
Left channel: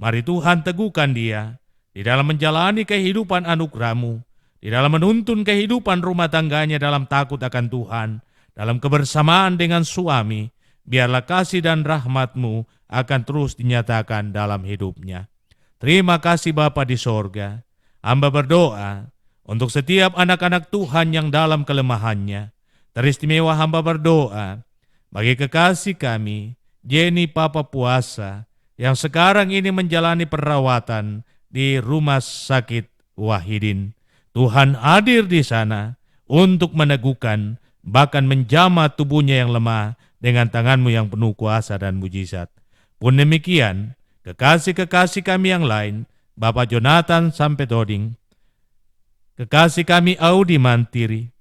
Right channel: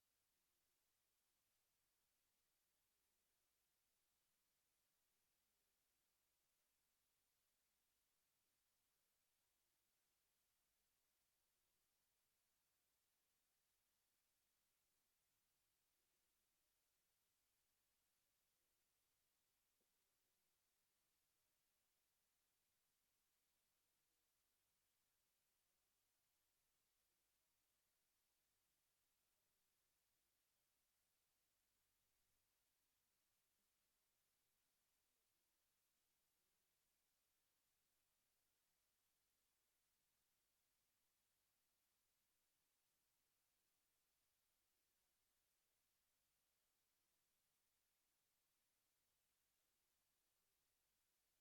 Mari Tuhan teguhkan dia di dalam menjalani kehidupan anugerah-Mu, di dalam menuntun kehidupan rumah tangganya dalam takut akan Tuhan, dalam kebersamaan dengan suami. Biarlah kasih dan rahmat-Mu akan terus dinyatakan dalam hidupnya. Terima kasih Bapa di sorga. Hamba berdoa untuk setiap anak-anak Tuhan yang dalam kelemahannya. Teristimewa hamba berdoa bagi kekasih kami, Jenny Papa Puasa, yang sekarang ini menjalani perawatan di Rumah Sakit Wahidin. Tuhan hadir di sana untuk meneguhkan, bahkan menjamah tubuhnya yang lemah dengan tangan-Mu yang penuh kuasa dan mujizat. Pun demikian, kekasih-kekasih kami yang lain, Bapak Jonathan Sampedoding, kekasih kami Audi Mantiri,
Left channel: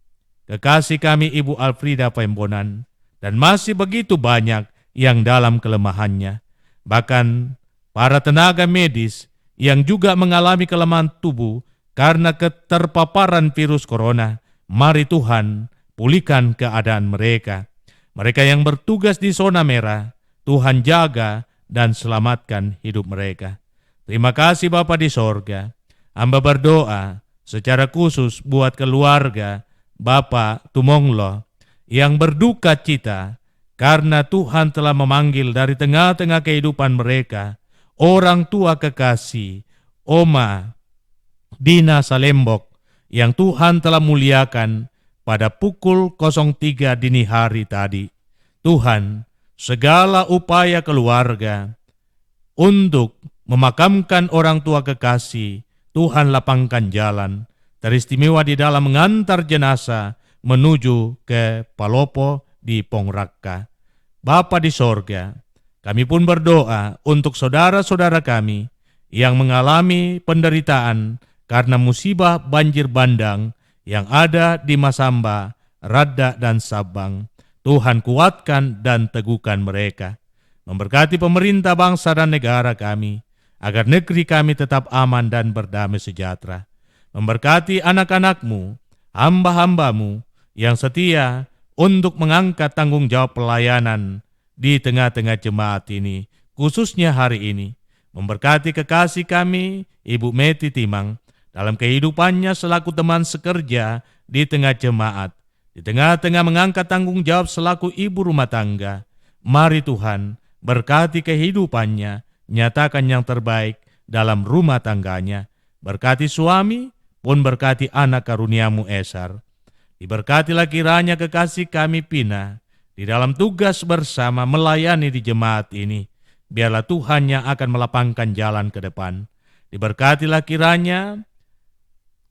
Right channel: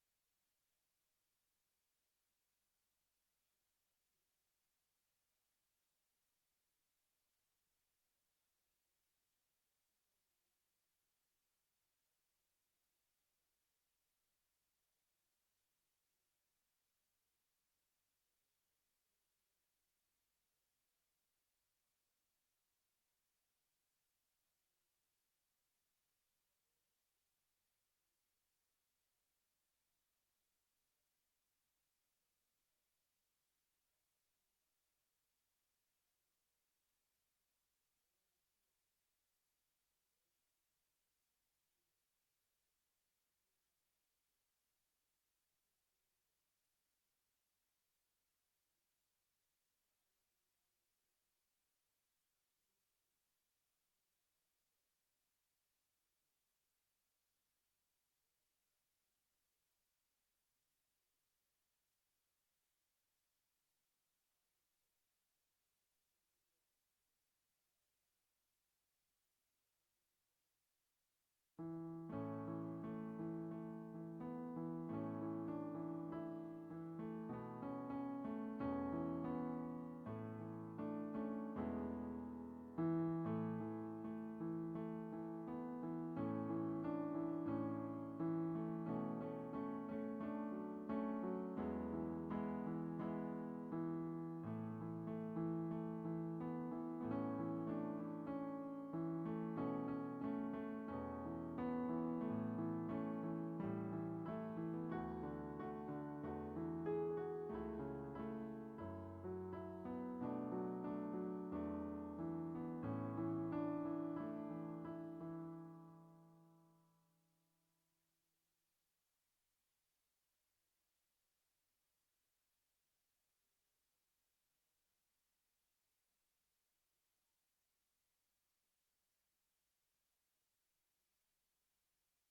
kekasih kami Ibu Alfrida Pembonan, dan masih begitu banyak yang dalam kelemahannya. Bahkan para tenaga medis yang juga mengalami kelemahan tubuh karena keterpaparan virus corona. Mari Tuhan, pulihkan keadaan mereka. Mereka yang bertugas di zona merah, Tuhan jaga dan selamatkan hidup mereka. Terima kasih Bapa di sorga. Hamba berdoa secara khusus buat keluarga Bapak Tumonglo yang berduka cita karena Tuhan telah memanggil dari tengah-tengah kehidupan mereka orang tua kekasih Oma Dina Salembok yang Tuhan telah muliakan pada pukul 03 dini hari tadi. Tuhan, segala upaya keluarga untuk memakamkan orang tua kekasih, Tuhan lapangkan jalan, teristimewa di dalam mengantar jenazah menuju ke Palopo di Pongrakka. Bapa di sorga, kami pun berdoa untuk saudara-saudara kami yang mengalami penderitaan karena musibah banjir bandang yang ada di Masamba, Radda, dan Sabang. Tuhan kuatkan dan teguhkan mereka. Memberkati pemerintah bangsa dan negara kami, agar negeri kami tetap aman dan berdamai sejahtera. Memberkati anak-anak-Mu, hamba-hamba-Mu yang setia untuk mengangkat tanggung jawab pelayanan di tengah-tengah jemaat ini, khususnya hari ini. Memberkati kekasih kami, Ibu Meti Timang, dalam kehidupannya selaku teman sekerja di tengah jemaat, di tengah-tengah mengangkat tanggung jawab selaku ibu rumah tangga. Mari Tuhan, berkati kehidupannya, nyatakan yang terbaik dalam rumah tangganya. Berkati suami, pun berkati anak karuniamu Esar. Diberkatilah kiranya kekasih kami Pina di dalam tugas bersama melayani di jemaat ini. Biarlah Tuhan yang akan melapangkan jalan ke depan. Diberkatilah kiranya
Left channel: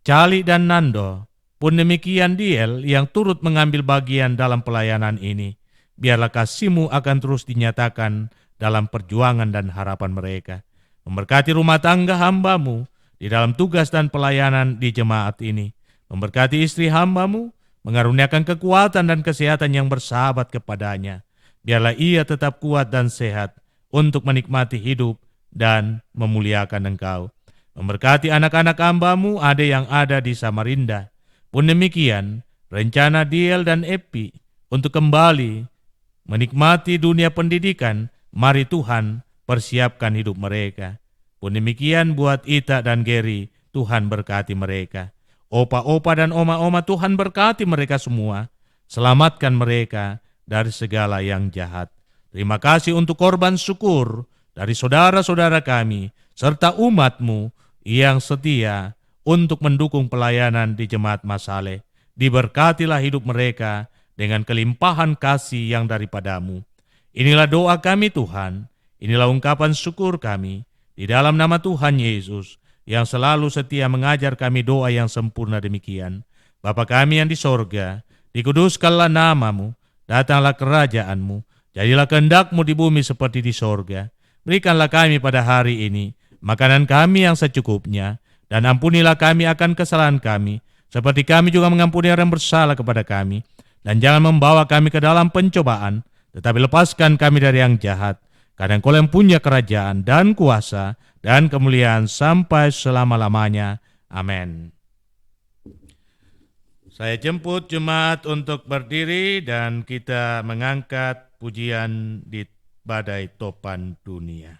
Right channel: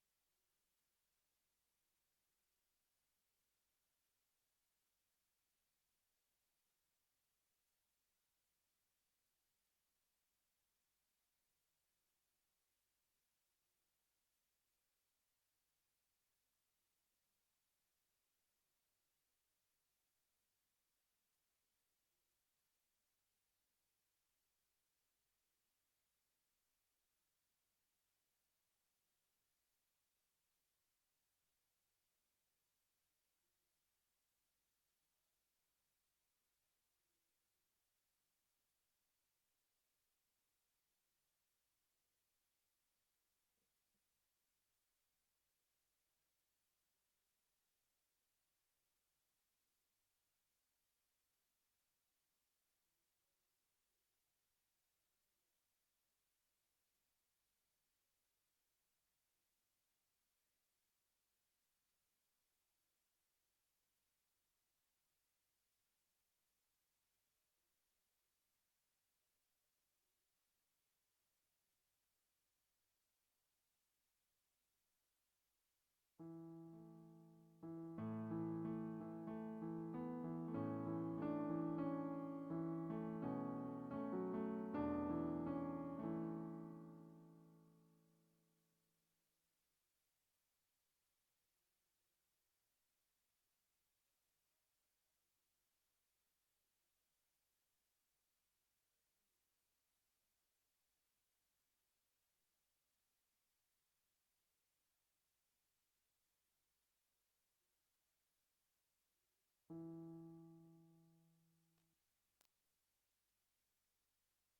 Cali dan Nando, pun demikian Diel yang turut mengambil bagian dalam pelayanan ini. Biarlah kasih-Mu akan terus dinyatakan dalam perjuangan dan harapan mereka. Memberkati rumah tangga hamba-Mu di dalam tugas dan pelayanan di jemaat ini. Memberkati istri hamba-Mu, mengaruniakan kekuatan dan kesehatan yang bersahabat kepadanya. Biarlah ia tetap kuat dan sehat untuk menikmati hidup dan memuliakan Engkau. Memberkati anak-anak hamba-Mu ada yang ada di Samarinda. Pun demikian, rencana Diel dan Epi untuk kembali menikmati dunia pendidikan, mari Tuhan persiapkan hidup mereka. Pun demikian buat Ita dan Geri, Tuhan berkati mereka. Opa-opa dan oma-oma, Tuhan berkati mereka semua. Selamatkan mereka dari segala yang jahat. Terima kasih untuk korban syukur dari saudara-saudara kami, serta umat-Mu yang setia untuk mendukung pelayanan di Jemaat Masaleh. Diberkatilah hidup mereka dengan kelimpahan kasih yang daripada-Mu. Inilah doa kami Tuhan, inilah ungkapan syukur kami, di dalam nama Tuhan Yesus, yang selalu setia mengajar kami doa yang sempurna demikian. Bapa kami yang di sorga, dikuduskanlah nama-Mu, datanglah kerajaan-Mu, jadilah kehendak-Mu di bumi seperti di sorga. Berikanlah kami pada hari ini makanan kami yang secukupnya, dan ampunilah kami akan kesalahan kami, seperti kami juga mengampuni orang yang bersalah kepada kami. Dan jangan membawa kami ke dalam pencobaan, tetapi lepaskan kami dari yang jahat. Karena Engkau yang punya kerajaan dan kuasa dan kemuliaan sampai selama-lamanya. Amin. Saya jemput jemaat untuk berdiri dan kita mengangkat pujian di badai topan dunia.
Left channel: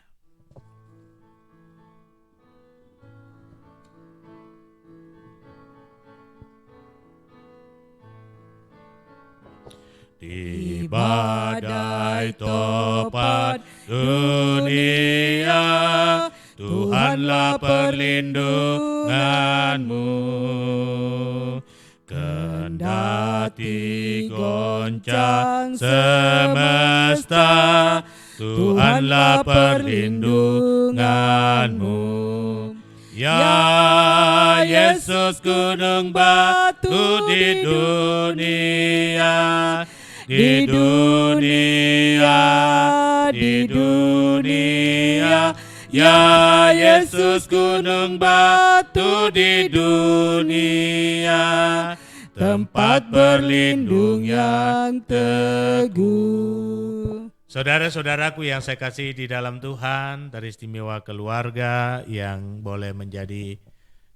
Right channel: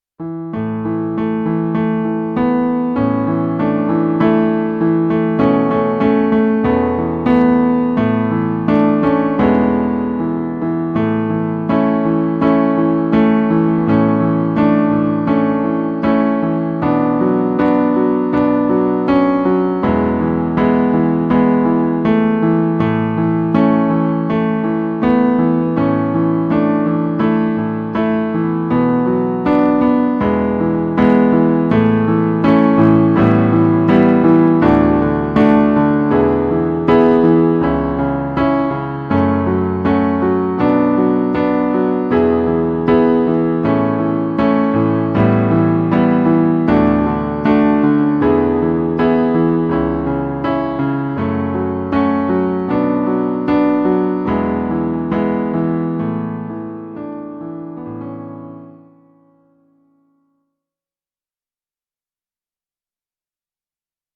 Saudara-saudaraku yang saya kasih di dalam Tuhan, teristimewa keluarga yang boleh menjadi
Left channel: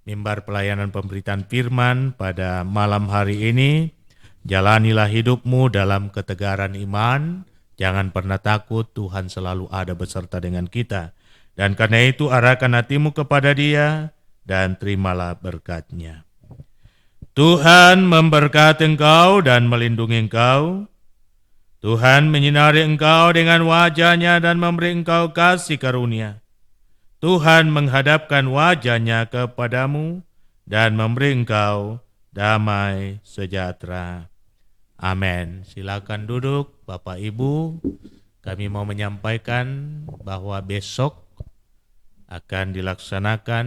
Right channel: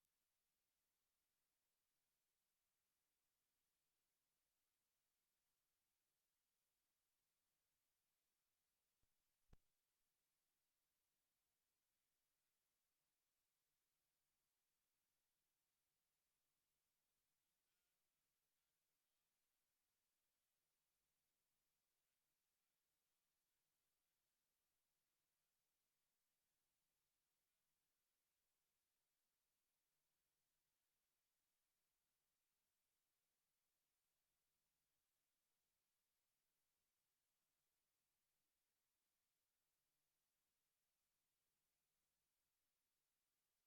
mimbar pelayanan pemberitaan firman pada malam hari ini. Jalanilah hidupmu dalam ketegaran iman, jangan pernah takut, Tuhan selalu ada beserta dengan kita. Dan karena itu arahkan hatimu kepada Dia dan terimalah berkat-Nya. Tuhan memberkati engkau dan melindungi engkau. Tuhan menyinari engkau dengan wajah-Nya dan memberi engkau kasih karunia. Tuhan menghadapkan wajah-Nya kepadamu dan memberi engkau damai sejahtera. Amin. Silakan duduk Bapak Ibu. Kami mau menyampaikan bahwa besok akan dilaksanakan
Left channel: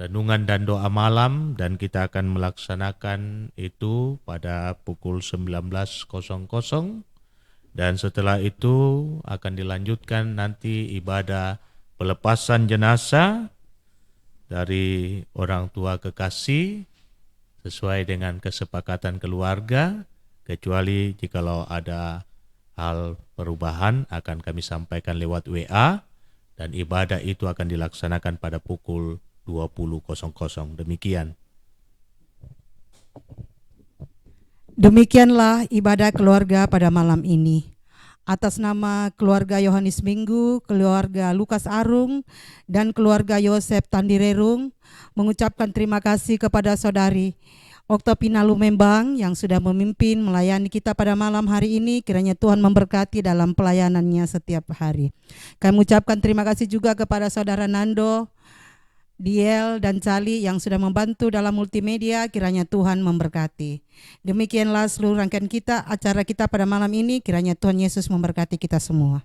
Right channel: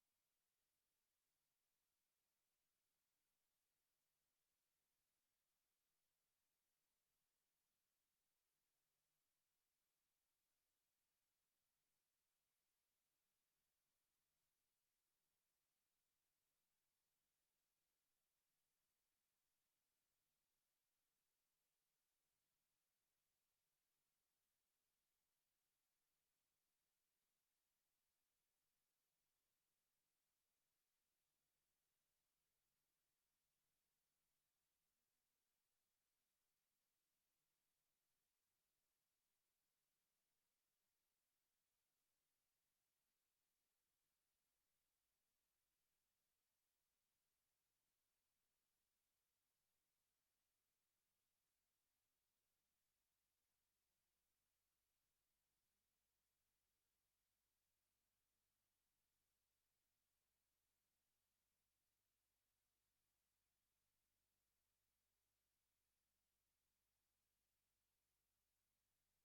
renungan dan doa malam, dan kita akan melaksanakan itu pada pukul 19.00, dan setelah itu akan dilanjutkan nanti ibadah pelepasan jenazah dari orang tua kekasih sesuai dengan kesepakatan keluarga, kecuali jikalau ada hal perubahan akan kami sampaikan lewat WA, dan ibadah itu akan dilaksanakan pada pukul 20.00. Demikian. Demikianlah ibadah keluarga pada malam ini. Atas nama keluarga Yohanes Minggu, keluarga Lukas Arung, dan keluarga Yosef Tandirerung, mengucapkan terima kasih kepada saudari Oktopina Lumembang yang sudah memimpin melayani kita pada malam hari ini. Kiranya Tuhan memberkati dalam pelayanannya setiap hari. Kami mengucapkan terima kasih juga kepada saudara Nando Diel dan Cali yang sudah membantu dalam multimedia, kiranya Tuhan memberkati. Demikianlah seluruh rangkaian kita, acara kita pada malam ini, kiranya Tuhan Yesus memberkati kita semua.